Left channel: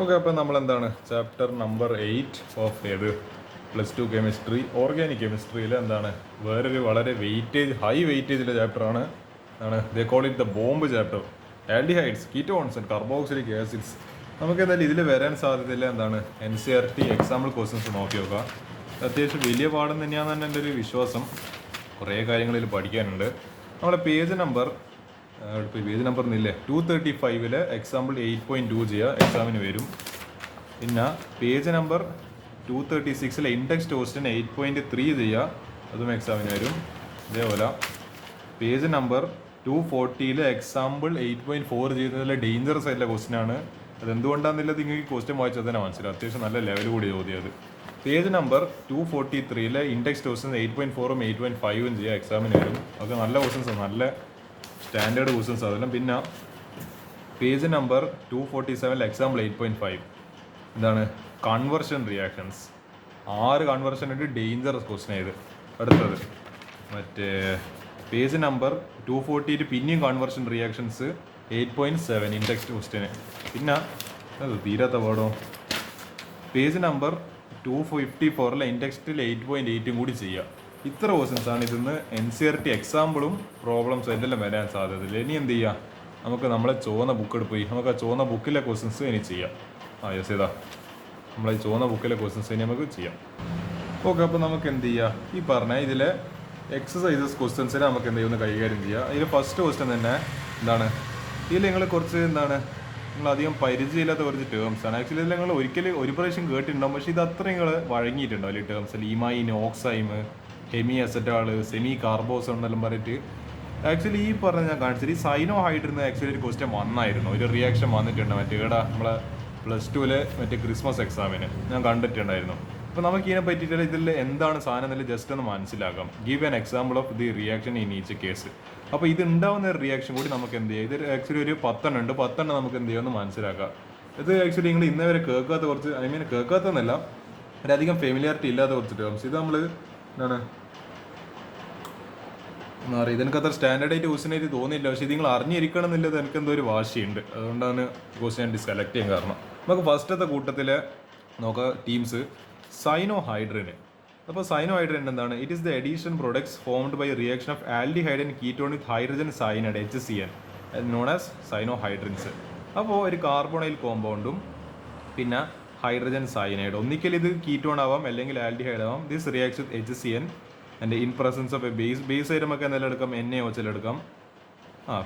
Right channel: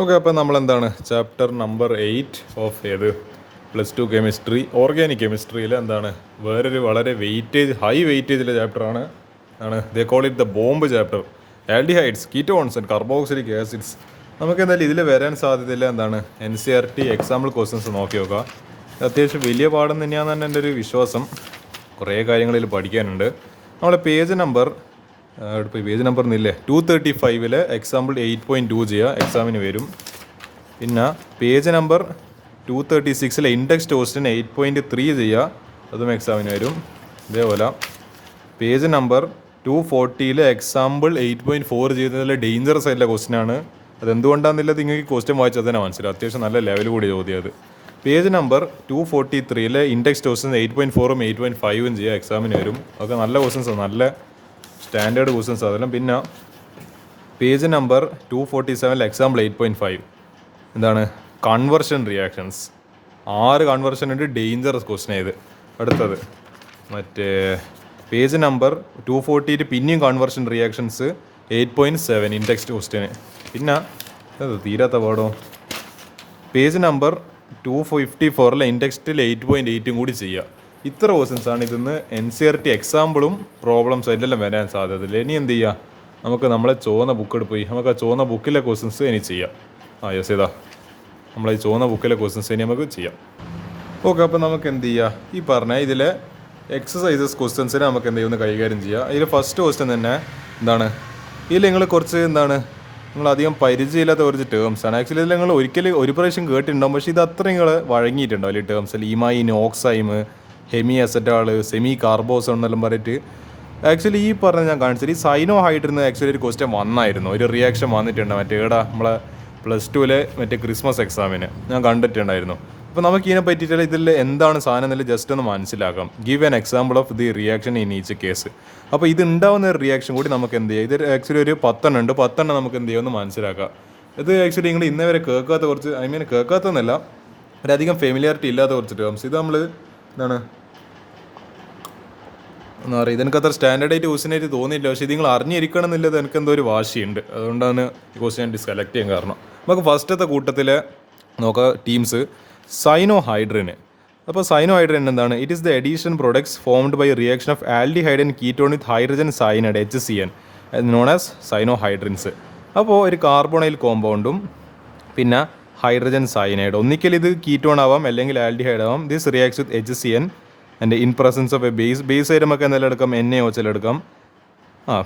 Okay, അപ്പോൾ നമ്മളെന്താണ് chapter number 8 of ഏത് +2 കെമിസ്ട്രി ഓർഗാനിക് കെമിസ്ട്രിയിൽ എന്താണ് വേറൊരു വളരെ ഹൈ വെയിറ്റേജിലെ ചാപ്റ്ററാണ്. They call it the bomb chapter, aldehydes, ketones and carboxylic acids. നമുക്ക് എന്തായാലും ഇതിൽ വരാൻ സാധ്യതയില്ല എന്താണ് NCERT എക്സാമ്പിൾ ക്വസ്റ്റ്യൻസ് നോക്കി നോക്കുക. അത്യാവശ്യം വലിയ പാഠം തന്നെയാണെന്ന് എൻ്റെ ഒരു വിശ്വാസം. കുറേ കാര്യങ്ങളിൽ പഠിക്കാനുണ്ട്. നമ്മളെ പേജ് നമ്പർ ഒന്നില്ലേ 235 എക്സാമ്പിൾ 8.2 ചെയ്യുക, എക്സാമിന് വരും. പിന്നെ പേജ് നമ്പർ 236 ഇൻഡെക്സ് ക്വസ്റ്റ്യൻ 8.3 ചെയ്യുക, അതും എക്സാമിന് വരും. ഇതേപോലെ പേജ് നമ്പർ 240 എക്സാമ്പിൾ 8.4 ചെയ്യുന്നതിൽ ഡേഞ്ചറസ് ആയിട്ടുള്ള ക്വസ്റ്റ്യനാണ്. അതെന്തുകൊണ്ടാണെന്നില്ല നിങ്ങൾക്ക് ക്വസ്റ്റ്യൻ വായിച്ചാൽ തന്നെ മനസ്സിലാവും. അത്യാവശ്യം നല്ല ലെവൽ കൂടി ചോദ്യം അത്. പേജ് നമ്പർ 243 ഇൻഡെക്സ് ക്വസ്റ്റ്യൻ 8.4ഉം 8.5ഉം ചെയ്യുക, എക്സാമിന് വരും. അതൊക്കെ നല്ല ക്വസ്റ്റ്യൻസ്, നല്ല സ്റ്റാൻഡേർഡ് ക്വസ്റ്റ്യൻസ് അതെല്ലാം. പിന്നെ പേജ് നമ്പർ 247 എക്സാമ്പിൾ 8.5 എന്താണ് കൺവേർഷൻ റിയാക്ഷൻസ്. 6 കൺവേർഷൻ ഉണ്ട്, ഡേഞ്ചറസ് ക്വസ്റ്റ്യൻ ഇത്. അടുത്തത് മറ്റേ പേജ് നമ്പർ 240 പിന്നെയും കൺവേർഷൻ റിയാക്ഷൻസ് 8.7 ഇൻഡെക്സ് ക്വസ്റ്റ്യന്. പിന്നെ അത് തീരാത്ത പാടോ പേജ് നമ്പർ 254 ഇൻഡെക്സ്റ്റിൽ 8.8ഉം കൂടി ചെയ്യുക. ഇത്ര ക്വസ്റ്റ്യൻസാണ് ഇതിന്ന് NCERT എക്സാമ്പിളും പ്രോബ്ലംസും എല്ലാം വരാൻ സാധ്യതയില്ല. ഇനി എന്ത് ചെയ്യുക, നമുക്ക് നമ്മളെ ചുവന്ന ബുക്ക് എടുത്ത് പോയി നമുക്ക് ആ ചുവന്ന ബുക്കിലെ ക്വസ്റ്റ്യൻസ് ഇനി ചെയ്യാം. യെസ്, ഇതാ നമ്മളെ ഈ ചുവന്ന ബുക്കിലെ ക്വസ്റ്റ്യൻസ് ഇനി നമുക്ക് ചെയ്യാം. ഓക്കെ, അപ്പോൾ നമുക്ക് എന്ത് ചെയ്യുക, ഈ പറഞ്ഞ ഇതിലെ എക്സസൈസസ് ക്വസ്റ്റ്യൻസിനെ നമുക്ക് എന്ത് ചെയ്യുമെന്ന് കൈകാര്യം ചെയ്യുക. ഇതിൽ ഫസ്റ്റ് ക്വസ്റ്റ്യൻ തന്നെ എന്താണ്, ഇതിൽ നിങ്ങൾ കുറച്ച് എന്താണ് നിങ്ങൾ അധികം പരിചയമില്ലാത്ത കുറച്ച് ടേംസാണ്. ആക്ച്വലി ഇതിൽ നിങ്ങൾ ഒരു പ്രാവശ്യം കേട്ടിട്ടുണ്ടാകും, പക്ഷേ ഇത് അത്ര നിങ്ങൾ വഴങ്ങിയിട്ടുണ്ടാവും ഈ ടേംസിൽ. ഈമൈൻ, ഓക്സൈം, ഹെമി അസറ്റാൾ, സെമി കാർബോസോൺ എന്നെല്ലാം പറഞ്ഞിട്ട്. ആക്ച്വലി ഈ പറഞ്ഞ ഞാൻ കാണിച്ചത് ഈ സൈനോ ഹൈഡ്രിന്ന് ആക്ച്വലി ഒരു ക്വസ്റ്റ്യൻ വന്നായിരുന്നു, ഒരു റിയാക്ഷൻ വന്നിട്ടുണ്ട് മറ്റേ നമ്മളെ +2 മറ്റേ ക്രിസ്മസ് എക്സാമിന് ഞാൻ കണ്ടിട്ടുണ്ടായിരുന്നു. അപ്പോൾ നമുക്ക് ഇതിനെ പറ്റിയിട്ടുള്ള ഇതിൽ എന്താണ് സാധനം എന്നതിൽ ജസ്റ്റ് ഒന്ന് മനസ്സിലാക്കാം. Give an example of the reaction in each case. അപ്പോൾ ഇത് ഉണ്ടാവുന്ന ഒരു റിയാക്ഷൻ കൂടി നമുക്ക് എന്ത് ചെയ്യാം, ഇത് ആക്ച്വലി ഒരു 10 ഉണ്ട്, 10 നമുക്ക് എന്ത് ചെയ്യുമെന്ന് മനസ്സിലാക്കാം. ഇത് ആക്ച്വലി നിങ്ങൾ ഇന്നേ വരെ കേൾക്കാത്ത കുറച്ച്, കേൾക്കാത്തതെന്നല്ല, ഒരധികം ഫെമിലിയാരിറ്റി ഇല്ലാത്ത കുറച്ച് ടേംസ്. ഇത് നമ്മൾ എന്താണ് എന്താ പറയുക, ഇതെനിക്ക് അത്ര സ്റ്റാൻഡേർഡായിട്ട് ക്വസ്റ്റ്യനായിട്ട് തോന്നിയില്ല, പക്ഷേ ഇത് നിങ്ങൾ അറിഞ്ഞിരിക്കണം എന്നുള്ളത് എനിക്ക് എന്തോ ഒരു വാശിയുണ്ട്. അതുകൊണ്ടാണ് ഈ ക്വസ്റ്റ്യൻ ഞാൻ സെലക്ട് ചെയ്യാൻ കാരണം. നമുക്ക് ഫസ്റ്റത്തെ കൂട്ടത്തിൽ നോക്കാം ടീംസ് സൈനോ ഹൈഡ്രന്. അപ്പോൾ സൈനോ ഹൈഡ്രൻ എന്താണ്, it is the addition products formed by reaction of aldehyde and ketone with hydrogen cyanide HCN known as cyanohydrins. അപ്പോൾ ഒരു കാർബോണൈൽ കോമ്പൗണ്ടും പിന്നെ ഹൈഡ്രജൻ സൈനൈഡ്, ഒന്നിക്കൽ ഇത് കീറ്റോൺ ആവാം അല്ലെങ്കിൽ ആൽഡിഹൈഡ് ആവാം. This reacts with HCN and in presence of a base ആയിട്ട് നമുക്ക് എന്തെങ്കിലും എടുക്കാം, NaOH എടുക്കാം,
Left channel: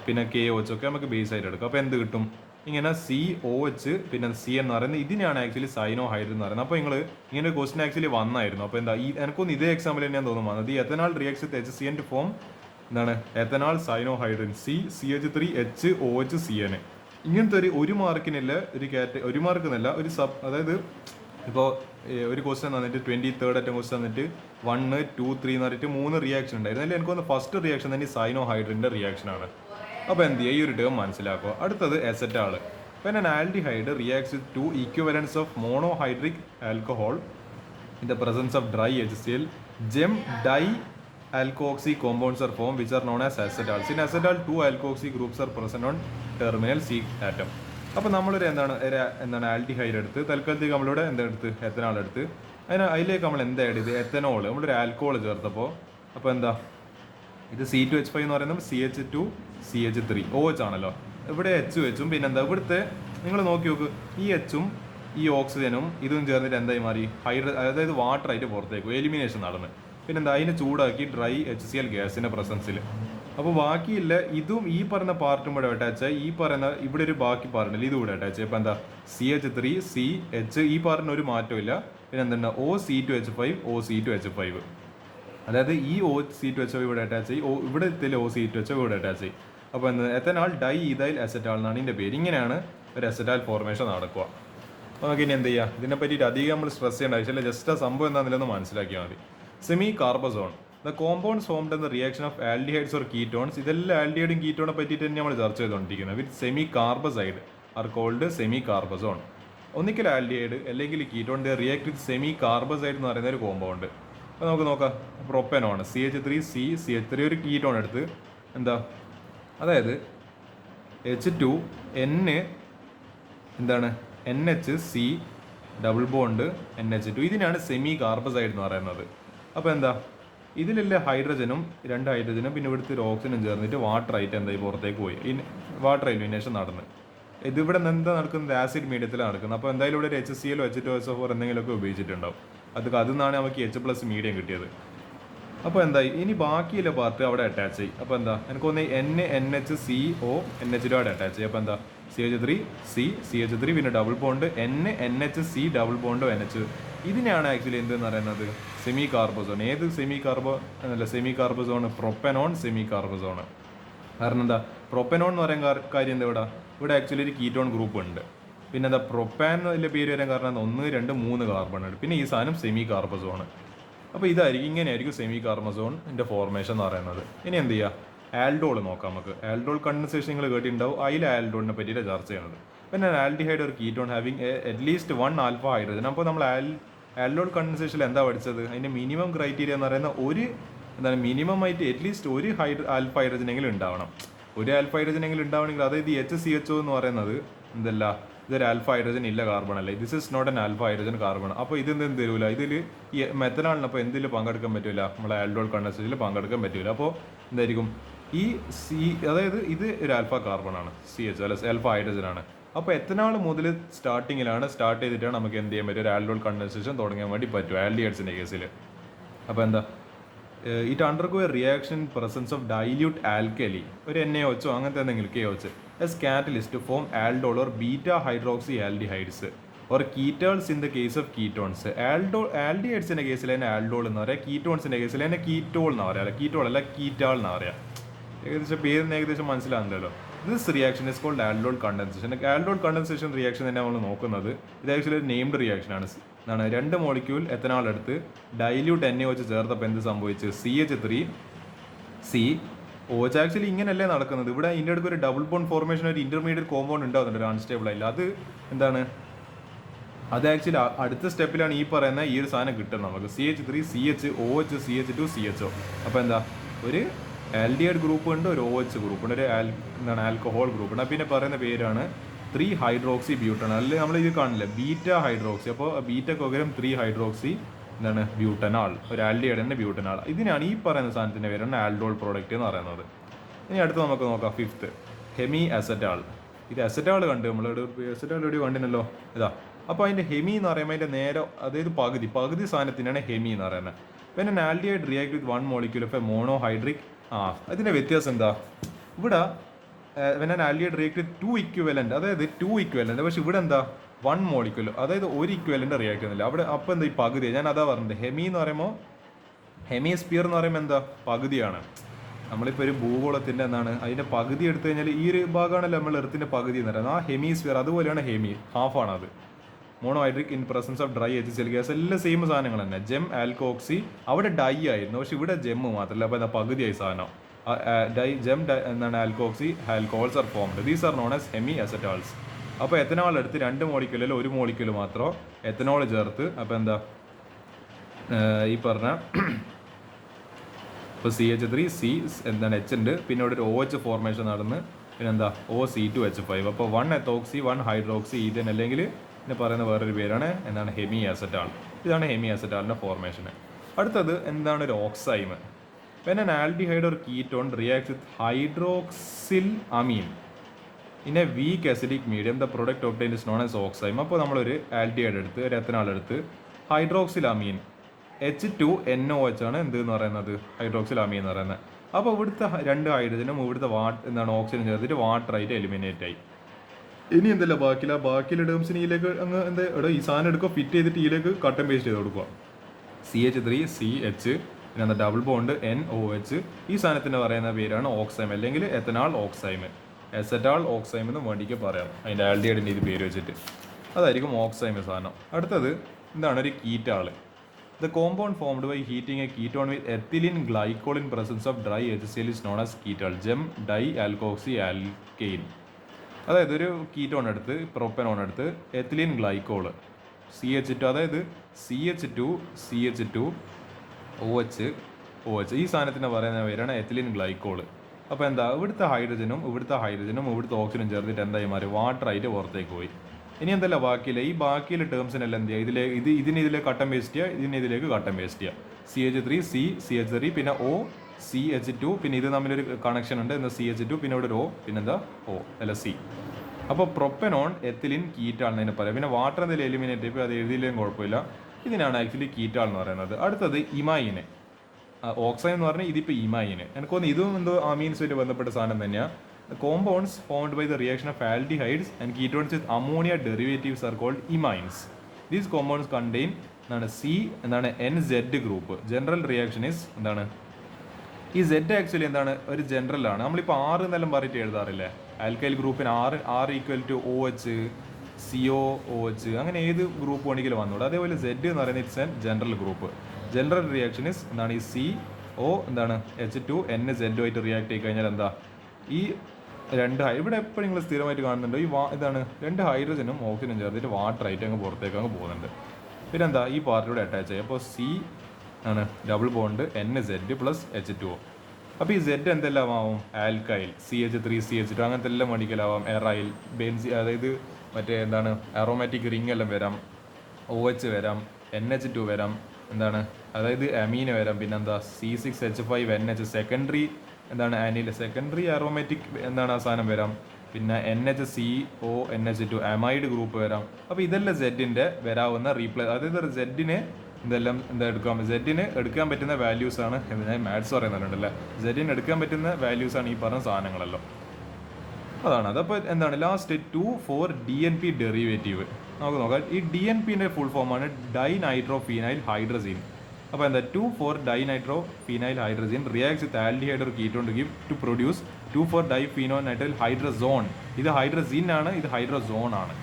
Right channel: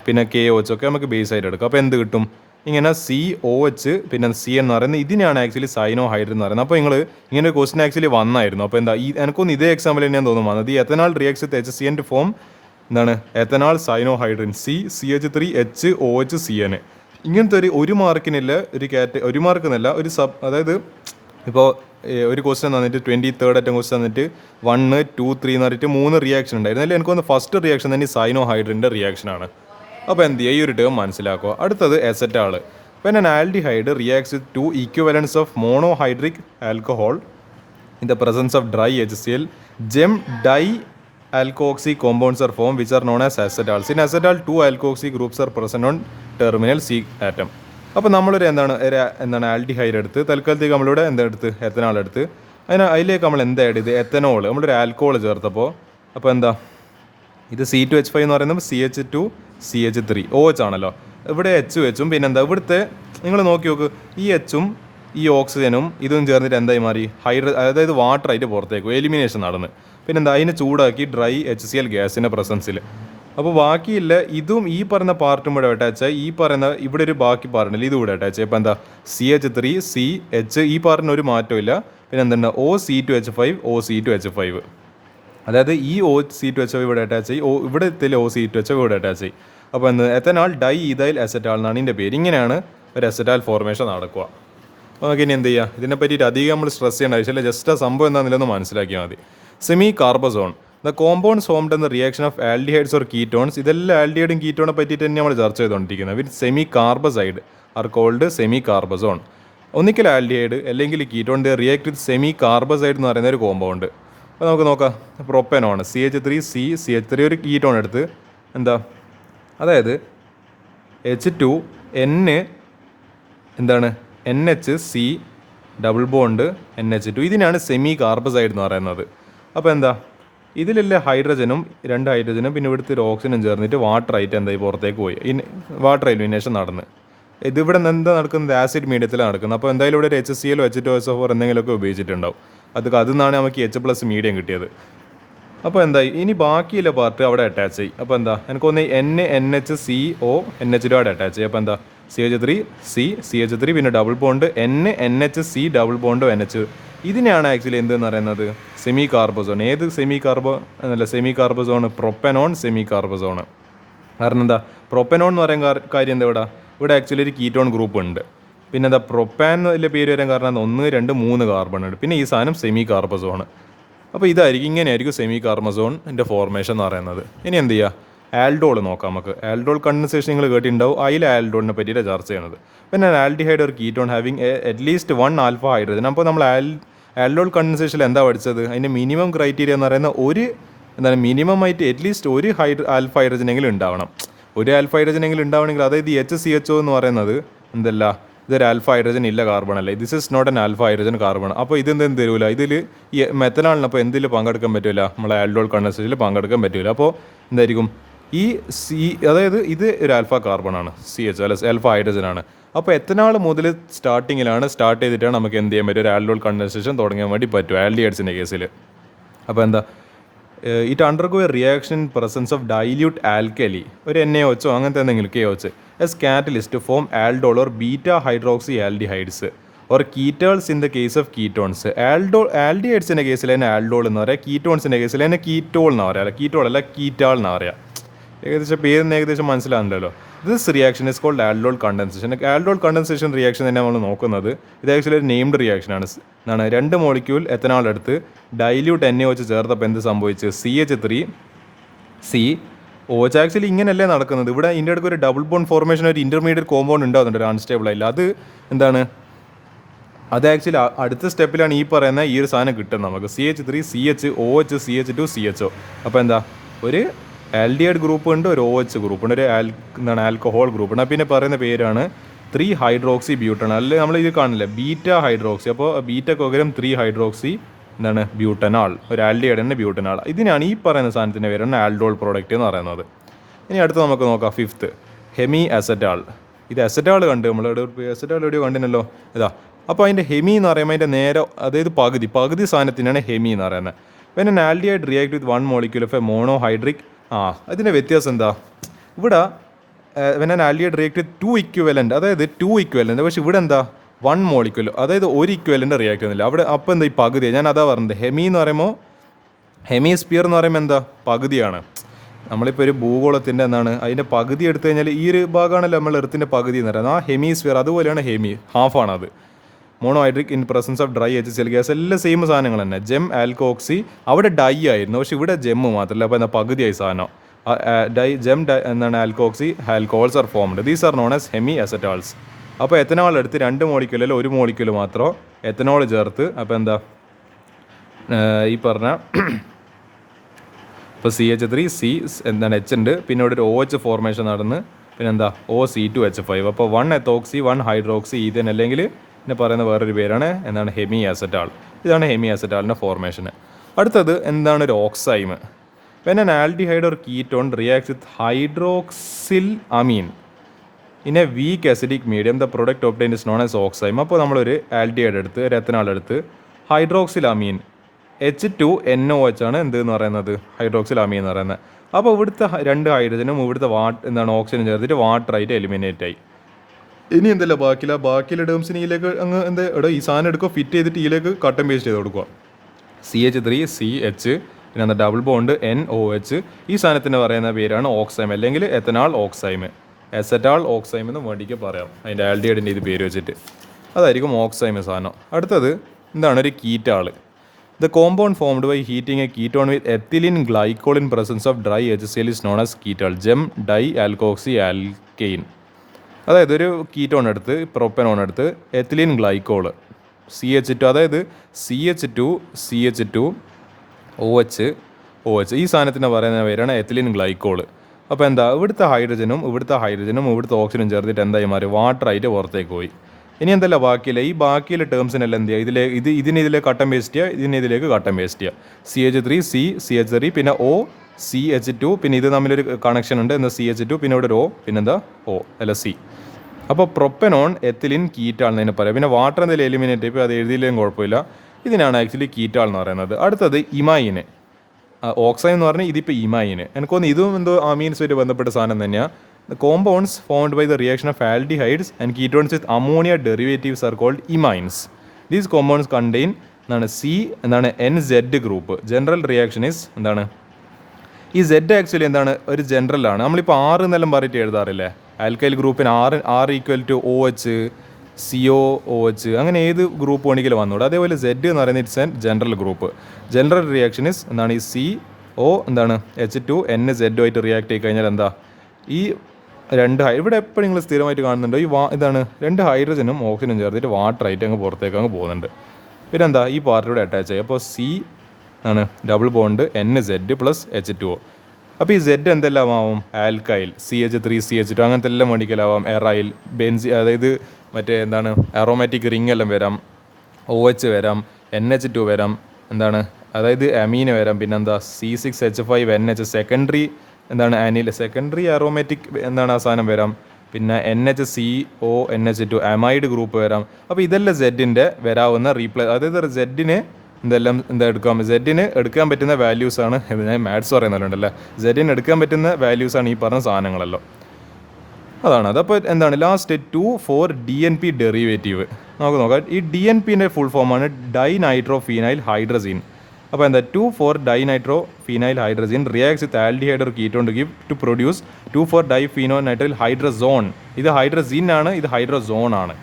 പിന്നെ KOH ഒക്കെ നമുക്ക് ബേസ് ആയിട്ട് എടുക്കാം. അപ്പോൾ എന്ത് കിട്ടും, ഇങ്ങനെ COH പിന്നെ CN എന്ന് പറയുന്നത് ഇതിനെയാണ് ആക്ച്വലി സൈനോ ഹൈഡ്രൻ എന്ന് പറയുന്നത്. അപ്പോൾ നിങ്ങൾ ഇങ്ങനെ ഒരു ക്വസ്റ്റൻ ആക്ച്വലി വന്നായിരുന്നു. അപ്പോൾ എന്താ എനിക്കൊന്ന് ഇതേ എക്സാമ്പിൾ തന്നെയാണ് തോന്നുന്നു വന്നത്. ഈ ethanal reacts with HCN to form എന്താണ് എത്തനാൽ സൈനോ ഹൈഡ്രൻ CH3HOHCN. ഇങ്ങനത്തെ ഒരു മാർക്കിനില്ല ഒരു മാർക്കെന്നല്ല ഒരു അതായത് ഇപ്പോൾ ഒരു ക്വസ്റ്റൻ തന്നിട്ട് 23rd അറ്റം ക്വസ്റ്റൻ തന്നിട്ട് 1, 2, 3 എന്ന് പറഞ്ഞിട്ട് 3 റിയാക്ഷൻ ഉണ്ടായിരുന്നു. അതിൽ എനിക്ക് തോന്നുന്നു ഫസ്റ്റ് റിയാക്ഷൻ തന്നെ സൈനോ ഹൈഡ്രൻ്റെ റിയാക്ഷനാണ്. അപ്പോൾ എന്ത് ചെയ്യുക, ഈ ഒരു ടേം മനസ്സിലാക്കുക. അടുത്തത് acetal. When an aldehyde reacts with 2 equivalents of monohydric alcohol in the presence of dry HCl gem di alkoxy compounds are formed which are known as acetals. In acetal 2 alkoxy groups are present on terminal C atom. അപ്പോൾ നമ്മളൊരു എന്താണ് aldehyde എടുത്ത് തൽക്കാലത്തേക്ക് നമ്മളിവിടെ എന്തെടുത്ത് എത്തനാൽ എടുത്ത് അതിലേക്ക് നമ്മൾ എന്താ ആഡ് ചെയ്ത് എത്തനോൾ നമ്മളൊരു ആൽക്കോൾ ചേർത്തപ്പോൾ അപ്പോൾ എന്താ ഇത് C2H5 എന്ന് പറയുന്നത് CH2CH3OH ആണല്ലോ. ഇവിടെ HUം പിന്നെന്താ ഇവിടുത്തെ നിങ്ങൾ നോക്കി നോക്ക്, ഈ Hഉം ഈ ഓക്സിജനും ഇതും ചേർന്നിട്ട് എന്തായി മാറി അതായത് വാട്ടറായിട്ട് പുറത്തേക്കും എലിമിനേഷൻ നടന്ന്. പിന്നെന്താ അതിനെ ചൂടാക്കി ഡ്രൈ HCl ഗ്യാസിൻ്റെ പ്രസൻസിൽ. അപ്പോൾ ബാക്കിയില്ല ഇതും ഈ പറയുന്ന പാർട്ടും കൂടെ അറ്റാച്ചായി ഈ പറയുന്ന ഇവിടെ ഒരു ബാക്കി പാർട്ടില്ല ഇതും കൂടെ അറ്റാച്ച്. ഇപ്പോൾ എന്താ CH3CH ഈ പാർട്ടിന് ഒരു മാറ്റവും ഇല്ല. പിന്നെ എന്തുണ്ട് OC2H5 അതായത് ഈ OC2H5 ഇവിടെ അറ്റാച്ച് ചെയ്യും, ഇവിടെ എത്തില്ല OC2H5 ഇവിടെ അറ്റാച്ച് ചെയ്യും. അപ്പോൾ എന്ത് എത്തനാൽ ഡൈ ഈഥൈൽ അസറ്റാൾ എന്നാണ് ഇതിൻ്റെ പേര്. ഇങ്ങനെയാണ് ഒരു അസറ്റാൽ ഫോർമേഷൻ നടക്കുക. നമുക്ക് ഇനി എന്ത് ചെയ്യുക, ഇതിനെ പറ്റിയിട്ട് അധികം നമ്മൾ സ്ട്രെസ് ചെയ്യേണ്ട ആവശ്യമില്ല, ജസ്റ്റ് ആ സംഭവം എന്താണെന്നില്ലെന്ന് മനസ്സിലാക്കിയാൽ മതി. Semicarbazone the compounds formed in the reaction of aldehydes or ketones. ഇതെല്ലാം ആൽഡിഹൈഡും കീറ്റോണെ പറ്റിയിട്ട് തന്നെ നമ്മൾ ചർച്ച ചെയ്തുകൊണ്ടിരിക്കുന്നത്. With semicarbazide are called semicarbazone. ഒന്നിക്കൽ ആൽഡിഹൈഡ് അല്ലെങ്കിൽ ketone the react with semicarbazide എന്ന് പറയുന്ന ഒരു കോമ്പൗണ്ട്. അപ്പോൾ നമുക്ക് നോക്കാം, പ്രൊപ്പനോൺ CH3 ഒരു കീറ്റോൺ എടുത്ത് എന്താ അതായത് H2N എന്താണ് NH ഡബിൾ ബോണ്ട് NH2. ഇതിനാണ് സെമി കാർബസൈഡ് എന്ന് പറയുന്നത്. അപ്പോൾ എന്താ, ഇതിലുള്ള ഹൈഡ്രജനും 2 ഹൈഡ്രജനും പിന്നെ ഇവിടുത്തെ ഒരു ഓക്സിജനും ചേർന്നിട്ട് വാട്ടറായിട്ട് എന്തായി പുറത്തേക്ക് പോയി. വാട്ടർ എലിമിനേഷൻ നടന്ന് ഇതിവിടെ എന്താ നടക്കുന്നത്, ആസിഡ് മീഡിയത്തിലാണ് നടക്കുന്നത്. അപ്പോൾ എന്തായാലും ഇവിടെ ഒരു HCl H2SO4 എന്തെങ്കിലുമൊക്കെ ഉപയോഗിച്ചിട്ടുണ്ടാവും. അതിൽ നിന്നാണ് നമുക്ക് H+ മീഡിയം കിട്ടിയത്. അപ്പോൾ എന്തായി, ഇനി ബാക്കിയുള്ള പാർട്ട് അവിടെ അറ്റാച്ച് ചെയ്യും. അപ്പോൾ എന്താ, എനിക്കൊന്ന് NHCO NH2 അവിടെ അറ്റാച്ച് ചെയ്യും. അപ്പോൾ എന്താ, CH3 പിന്നെ double bond NHC double bond NH. ഇതിനെയാണ് ആക്ച്വലി എന്തെന്ന് പറയുന്നത്, സെമി കാർബോസോൺ. ഏത് semicarbazone? Propanone semicarbazone. കാരണം എന്താ, പ്രൊപ്പനോൺ എന്ന് പറയാൻ കാര്യം എന്താ, ഇവിടെ ആക്ച്വലി ഒരു കീറ്റോൺ ഗ്രൂപ്പ് ഉണ്ട്. പിന്നെ എന്താ, പ്രൊപ്പാൻ എന്നുള്ള പേര് വരാൻ കാരണം 1, 2, 3 കാർബൺ ഉണ്ട്. പിന്നെ ഈ സാധനം സെമി കാർബോസോൺ. അപ്പോൾ ഇങ്ങനെയായിരിക്കും സെമി കാർബോസോണിൻ്റെ ഫോർമേഷൻ എന്ന് പറയുന്നത്. ഇനി എന്ത് ചെയ്യുക, ആൽഡോൾ നോക്കാം നമുക്ക്. ആൽഡോൾ കണ്ടൻസേഷൻ നിങ്ങൾ കേട്ടിട്ടുണ്ടാവും. അതിൽ ആൽഡോളിനെ പറ്റിയിട്ട് ചർച്ച ചെയ്യുന്നത്. പിന്നെ ആൽഡിഹൈഡ് ഒരു ketone having at least 1 alpha hydrogen. അപ്പോൾ നമ്മൾ ആൽഡോൾ കണ്ടൻസേഷനിൽ എന്താ പഠിച്ചത്, അതിൻ്റെ മിനിമം ക്രൈറ്റീരിയ എന്ന് പറയുന്ന മിനിമം ആയിട്ട് അറ്റ്ലീസ്റ്റ് ഒരു ആൽഫ ഹൈഡ്രജനെങ്കിലും ഉണ്ടാവണം. ഒരു ആൽഫ ഹൈഡ്രജനെങ്കിലും ഉണ്ടാവണമെങ്കിൽ, അതായത് ഈ HCHO എന്ന് പറയുന്നത് എന്തല്ല, ഇതൊരു ആൽഫ ഹൈഡ്രജൻ ഇല്ല കാർബൺ അല്ലേ, this is not an alpha hydrogen carbon. അപ്പോൾ ഇതെന്തെങ്കിലും തരൂല, ഇതിൽ ഈ മെത്തനാളിനപ്പോൾ എന്തിൽ പങ്കെടുക്കാൻ പറ്റില്ല, നമ്മളെ ആൽഡോൾ കണ്ടൻസേഷനിൽ പങ്കെടുക്കാൻ പറ്റില്ല. അപ്പോൾ എന്തായിരിക്കും, ഈ അതായത് ഇത് ഒരു ആൽഫ കാർബണാണ്, CH അല്ല ആൽഫ ഹൈഡ്രജൻ ആണ്. അപ്പോൾ എത്തനാൾ മുതൽ സ്റ്റാർട്ട് ചെയ്തിട്ടാണ് നമുക്ക് എന്ത് ചെയ്യാൻ പറ്റും, ഒരു ആൽഡോൾ കണ്ടൻസേഷൻ തുടങ്ങാൻ വേണ്ടി പറ്റും ആൽഡിഹൈഡ്സിൻ്റെ കേസിൽ. അപ്പോൾ എന്താ, it undergo a reaction in presence of dilute alkali, ഒരു NaOH അങ്ങനത്തെ എന്തെങ്കിലും KOH as catalyst form aldol or beta hydroxy aldehydes or ketols in the case of ketones. ആൽഡിഹൈഡ്സിൻ്റെ കേസിൽ തന്നെ ആൽഡോൾ എന്ന് പറയാം, കീറ്റോൺസിൻ്റെ കേസിൽ തന്നെ കീറ്റോൾ എന്ന് പറയാം. കീറ്റോൾ അല്ല കീറ്റാൾ എന്ന് പറയാം. ഏകദേശം മനസ്സിലാകുന്നുണ്ടല്ലോ. This reaction is called aldol condensation. Aldol condensation reaction തന്നെ നമ്മൾ നോക്കുന്നത്. ഇത് ആക്ച്വലി ഒരു നെയിംഡ് റിയാക്ഷനാണ്. 2 മോളിക്യൂൾ എത്തനാൾ എടുത്ത് ഡൈല്യൂട്ട് NaOH ചേർത്തപ്പോൾ എന്ത് സംഭവിച്ച്, CH3COH. ആക്ച്വലി ഇങ്ങനെയല്ലേ നടക്കുന്നത്. ഇവിടെ ഇതിൻ്റെ അടുക്ക് ഒരു ഡബിൾ ബോണ്ട് ഫോർമേഷൻ, ഒരു ഇൻ്റർമീഡിയറ്റ് കോമ്പൗണ്ട് ഉണ്ടാകുന്നുണ്ട്, ഒരു അൺസ്റ്റേബിൾ ആയില്ല. അത് എന്താണ്, അത് ആക്ച്വലി അടുത്ത സ്റ്റെപ്പിലാണ് ഈ പറയുന്ന ഈ ഒരു സാധനം കിട്ടുന്നത് നമുക്ക്. CH3CHOH CH2CHO. അപ്പോൾ എന്താ, ഒരു ആൽഡിഹൈഡ് ഗ്രൂപ്പ് ഉണ്ട്, ഒരു OH ഗ്രൂപ്പ് ഉണ്ട്, ഒരു ആൽക്കഹോൾ ഗ്രൂപ്പ് ഉണ്ട്. പിന്നെ പറയുന്ന പേരാണ് 3 ഹൈഡ്രോക്സി ബ്യൂട്ടൺ. അല്ലെങ്കിൽ നമ്മൾ ഇത് കാണില്ല, ബീറ്റ ഹൈഡ്രോക്സി. അപ്പോൾ ബീറ്റക്ക് പകരം 3 ഹൈഡ്രോക്സി ബ്യൂട്ടനാൾ, ഒരു ആൽഡിഹൈഡിൻ്റെ ബ്യൂട്ടനാൾ. ഇതിനാണ് ഈ പറയുന്ന സാധനത്തിൻ്റെ പേരാണ് ആൽഡോൾ പ്രോഡക്റ്റ് എന്ന് പറയുന്നത്. ഇനി അടുത്ത് നമുക്ക് നോക്കാം 5th ഹെമി അസറ്റാൾ. ഇത് അസറ്റാൾ കണ്ട് നമ്മൾ അസറ്റാൾ എവിടെയോ കണ്ടിനല്ലോ, ഇതാ. അപ്പോൾ അതിൻ്റെ ഹെമി എന്ന് പറയുമ്പോൾ അതിൻ്റെ നേരെ, അതായത് പകുതി സാധനത്തിനാണ് ഹെമി എന്ന് പറയുന്നത്. പിന്നെ an aldehyde react with 1 molecule of a monohydric. അതിൻ്റെ വ്യത്യാസം എന്താ, ഇവിടെ when an aldehyde react with 2 equivalent, അതായത് 2 equivalent, പക്ഷേ ഇവിടെ എന്താ 1 molecule, അതായത് ഒരു ഇക്വലൻ്റ് റിയാക്ട് ചെയ്യുന്നില്ല അവിടെ. അപ്പോൾ എന്താ ഈ പകുതി, ഞാൻ അതാ പറഞ്ഞത്. ഹെമി എന്ന് പറയുമ്പോൾ, ഹെമിസ്ഫിയർ എന്ന് പറയുമ്പോൾ എന്താ, പകുതിയാണ്. നമ്മളിപ്പോൾ ഒരു ഭൂഗോളത്തിൻ്റെ അതിൻ്റെ പകുതി എടുത്തു കഴിഞ്ഞാൽ ഈ ഒരു ഭാഗമാണല്ലോ നമ്മൾ എർത്തിൻ്റെ പകുതി എന്ന് പറയുന്നത്. ആ ഹെമിസ്ഫിയർ അതുപോലെയാണ് ഹാഫാണത്. Monohydric in presence of dry HCl gas, എല്ലാം സെയിം സാധനങ്ങൾ തന്നെ. ജെം ആൽക്കോക്സി അവിടെ ഡൈ ആയിരുന്നു, പക്ഷേ ഇവിടെ ജെമ്മ് മാത്രമല്ല. അപ്പോൾ എന്താ പകുതിയായി സാധനം. Alkoxy alcohols are formed. These are known as hemiacetals. അപ്പോൾ എത്തനോൾ എടുത്ത് 2 മോളിക്യൂളിൽ 1 മോളിക്യൂൾ മാത്രം എത്തനോൾ ചേർത്ത്, അപ്പോൾ എന്താ ഈ പറഞ്ഞ ഇപ്പോൾ CH3 H ഉണ്ട്, പിന്നെ ഇവിടെ ഒരു OH ഫോർമേഷൻ നടന്ന് പിന്നെന്താ OC2H5. അപ്പോൾ 1 എത്തോക്സി 1 ഹൈഡ്രോക്സി ഈഥൻ, അല്ലെങ്കിൽ പിന്നെ പറയുന്ന വേറൊരു പേരാണ് ഹെമി അസറ്റാൾ. ഇതാണ് ഹെമി അസറ്റാളിൻ്റെ ഫോർമേഷൻ. അടുത്തത് എന്താണ് ഒരു oxime. When an aldehyde or ketone reacts with hydroxyl amine in a weak acidic medium, the product obtained is known as oxime. അപ്പോൾ നമ്മളൊരു ആൽഡിഹൈഡ് എടുത്ത്, ഒരു എത്തനാൾ എടുത്ത്, ഹൈഡ്രോക്സിൽ അമീൻ H2NOH ആണ് എന്തെന്ന് പറയുന്നത്, ഹൈഡ്രോക്സിൽ അമീൻ എന്ന് പറയുന്നത്. അപ്പോൾ ഇവിടുത്തെ 2 ഹൈഡ്രജനും ഇവിടുത്തെ ഓക്സിജൻ ചേർത്തിട്ട് വാട്ടറായിട്ട് എലിമിനേറ്റ് ആയി. ഇനി എന്തല്ല ബാക്കിയുള്ള ടേംസിന് ഇതിലേക്ക് അങ്ങ് എന്താ ഈ സാധനം എടുക്കുക, ഫിറ്റ് ചെയ്തിട്ട് ഇതിലേക്ക് കട്ട് ആൻഡ് പേസ്റ്റ് ചെയ്ത് കൊടുക്കുക. CH3CH പിന്നെ ഡബിൾ ബോണ്ട് NOH. ഈ സാധനത്തിന് പറയുന്ന പേരാണ് ഓക്സൈം, അല്ലെങ്കിൽ എത്തനാൾ ഓക്സൈം, എസറ്റാൾ ഓക്സൈം എന്ന് വേണ്ടിക്ക് പറയാം. അതിൻ്റെ ആൽഡിഹൈഡിൻ്റെ ഇത് പേര് വെച്ചിട്ട് അതായിരിക്കും ഓക്സൈം സാധനം. അടുത്തത് എന്താണ് ഒരു ketal. The compound formed by heating a ketone with ethylene glycol in presence of dry HCl is known as ketal. Gem dialkoxy alkane. അതായത് ഒരു കീറ്റോൺ എടുത്ത്, പ്രൊപ്പനോൺ എടുത്ത്, എത്തിലിൻ ഗ്ലൈക്കോൾ CH2, അതായത് CH2OH ഈ സാധനത്തിന് പറയുന്ന പേരാണ് എത്തിലിൻ ഗ്ലൈക്കോൾ. അപ്പോൾ എന്താ ഇവിടുത്തെ ഹൈഡ്രജനും ഇവിടുത്തെ ഓക്സിജനും ചേർത്തിട്ട് എന്തായി മാറി, വാട്ടറായിട്ട് പുറത്തേക്ക് പോയി. ഇനി എന്തല്ല ബാക്കിയില്ല, ഈ ബാക്കിയുള്ള ടേംസിനെല്ലാം എന്ത് ചെയ്യുക, ഇതിലേക്ക് കട്ടൻ പേസ്റ്റ് ചെയ്യുക, ഇതിലേക്ക് കട്ടൻ പേസ്റ്റ് ചെയ്യുക. CH3 CH3 പിന്നെ OCH2 പിന്നെ ഇത് തമ്മിലൊരു കണക്ഷൻ ഉണ്ട് എന്ന് CH2 പിന്നെ ഇവിടെ ഒരു പിന്നെന്താ അല്ല C. അപ്പോൾ പ്രൊപ്പനോൺ എത്തിലിൻ കീറ്റാൾ എന്നതിനെ പറയാം. പിന്നെ വാട്ടർ എന്തെങ്കിലും എലിമിനേറ്റ് ഇപ്പോൾ അത് എഴുതിയില്ലെങ്കിലും കുഴപ്പമില്ല. ഇതിനാണ് ആക്ച്വലി കീറ്റാൾ എന്ന് പറയുന്നത്. അടുത്തത് ഇമൈന്, ഓക്സൈൻ എന്ന് പറഞ്ഞാൽ ഇതിപ്പോൾ ഇമൈന്. എനിക്കൊന്ന് ഇതും എന്തോ അമീൻസുമായിട്ട് ബന്ധപ്പെട്ട സാധനം തന്നെയാണ്. The compounds formed by the reaction of aldehydes and ketones with ammonia derivatives are called imines. These compounds contain NZ group. General reaction is എന്താണ്, ഈ Z ആക്ച്വലി എന്താണ്, ഒരു ജനറലാണ്. നമ്മളിപ്പോൾ 6 എന്നെല്ലാം പറഞ്ഞിട്ട് എഴുതാറില്ലേ, ആൽക്കൈൽ ഗ്രൂപ്പിന് R equal to OH COOH അങ്ങനെ ഏത് ഗ്രൂപ്പ് വേണമെങ്കിലും വന്നൂടെ. അതേപോലെ Z എന്ന് പറയുന്നത് it's an general group. General reaction is എന്താണ്, ഈ CO H2 NZ ആയിട്ട് റിയാക്ട് ചെയ്ത് കഴിഞ്ഞാൽ എന്താ, ഈ ഇവിടെ എപ്പോഴും നിങ്ങൾ സ്ഥിരമായിട്ട് കാണുന്നുണ്ട്, ഇതാണ് 2 ഹൈഡ്രജനും ഓക്സിജനും ചേർത്തിട്ട് വാട്ടറായിട്ട് അങ്ങ് പുറത്തേക്ക് അങ്ങ് പോകുന്നുണ്ട്. പിന്നെ എന്താ, ഈ പാർട്ടിലൂടെ അറ്റാച്ച് ആയി. അപ്പോൾ C double bond NZ plus H2O. അപ്പോൾ ഈ Z എന്തെല്ലാം ആവും, ആൽക്കൈൽ CH3 CH2 അങ്ങനത്തെ എല്ലാം മേടിക്കലാവാം. എറൈൽ ബെൻസി, അതായത് മറ്റേ എന്താണ് അറോമാറ്റിക് റിംഗ് എല്ലാം വരാം, OH വരാം, NH2 വരാം, എന്താണ് അതായത് അമീന വരാം. പിന്നെന്താ C6H5NH സെക്കൻഡറി എന്താണ് ആനിൽ സെക്കൻഡറി അറോമാറ്റിക് എന്താണ് ആ സാധനം വരാം. പിന്നെ NHCONH2 അമൈഡ് ഗ്രൂപ്പ് വരാം. അപ്പോൾ ഇതെല്ലാം സെഡിൻ്റെ വരാവുന്ന അതായത് സെഡിന് സെഡിന് എടുക്കാൻ പറ്റുന്ന വാല്യൂസാണ്. ഞാൻ മാത്സ് പറയുന്നുണ്ടല്ലേ, സെഡിന് എടുക്കാൻ പറ്റുന്ന വാല്യൂസാണ് ഈ പറഞ്ഞ സാധനങ്ങളല്ലോ. അതാണ് അതപ്പോൾ എന്താണ് ലാസ്റ്റ് 2,4-DNP ഡെറിവേറ്റീവ് നമുക്ക് നോക്കാം. ഈ DNPൻ്റെ ഫുൾ ഫോമാണ് ഡൈനൈട്രോഫീനൈൽ ഹൈഡ്രസീൻ. അപ്പോൾ എന്താ two four dinitrophenyl hydrazine reacts with aldehyde or ketone to produce two four diphenonitrile hydrazone. ഇത് ഹൈഡ്രസീൻ ആണ്, ഇത് ഹൈഡ്രസോൺ ആണ്.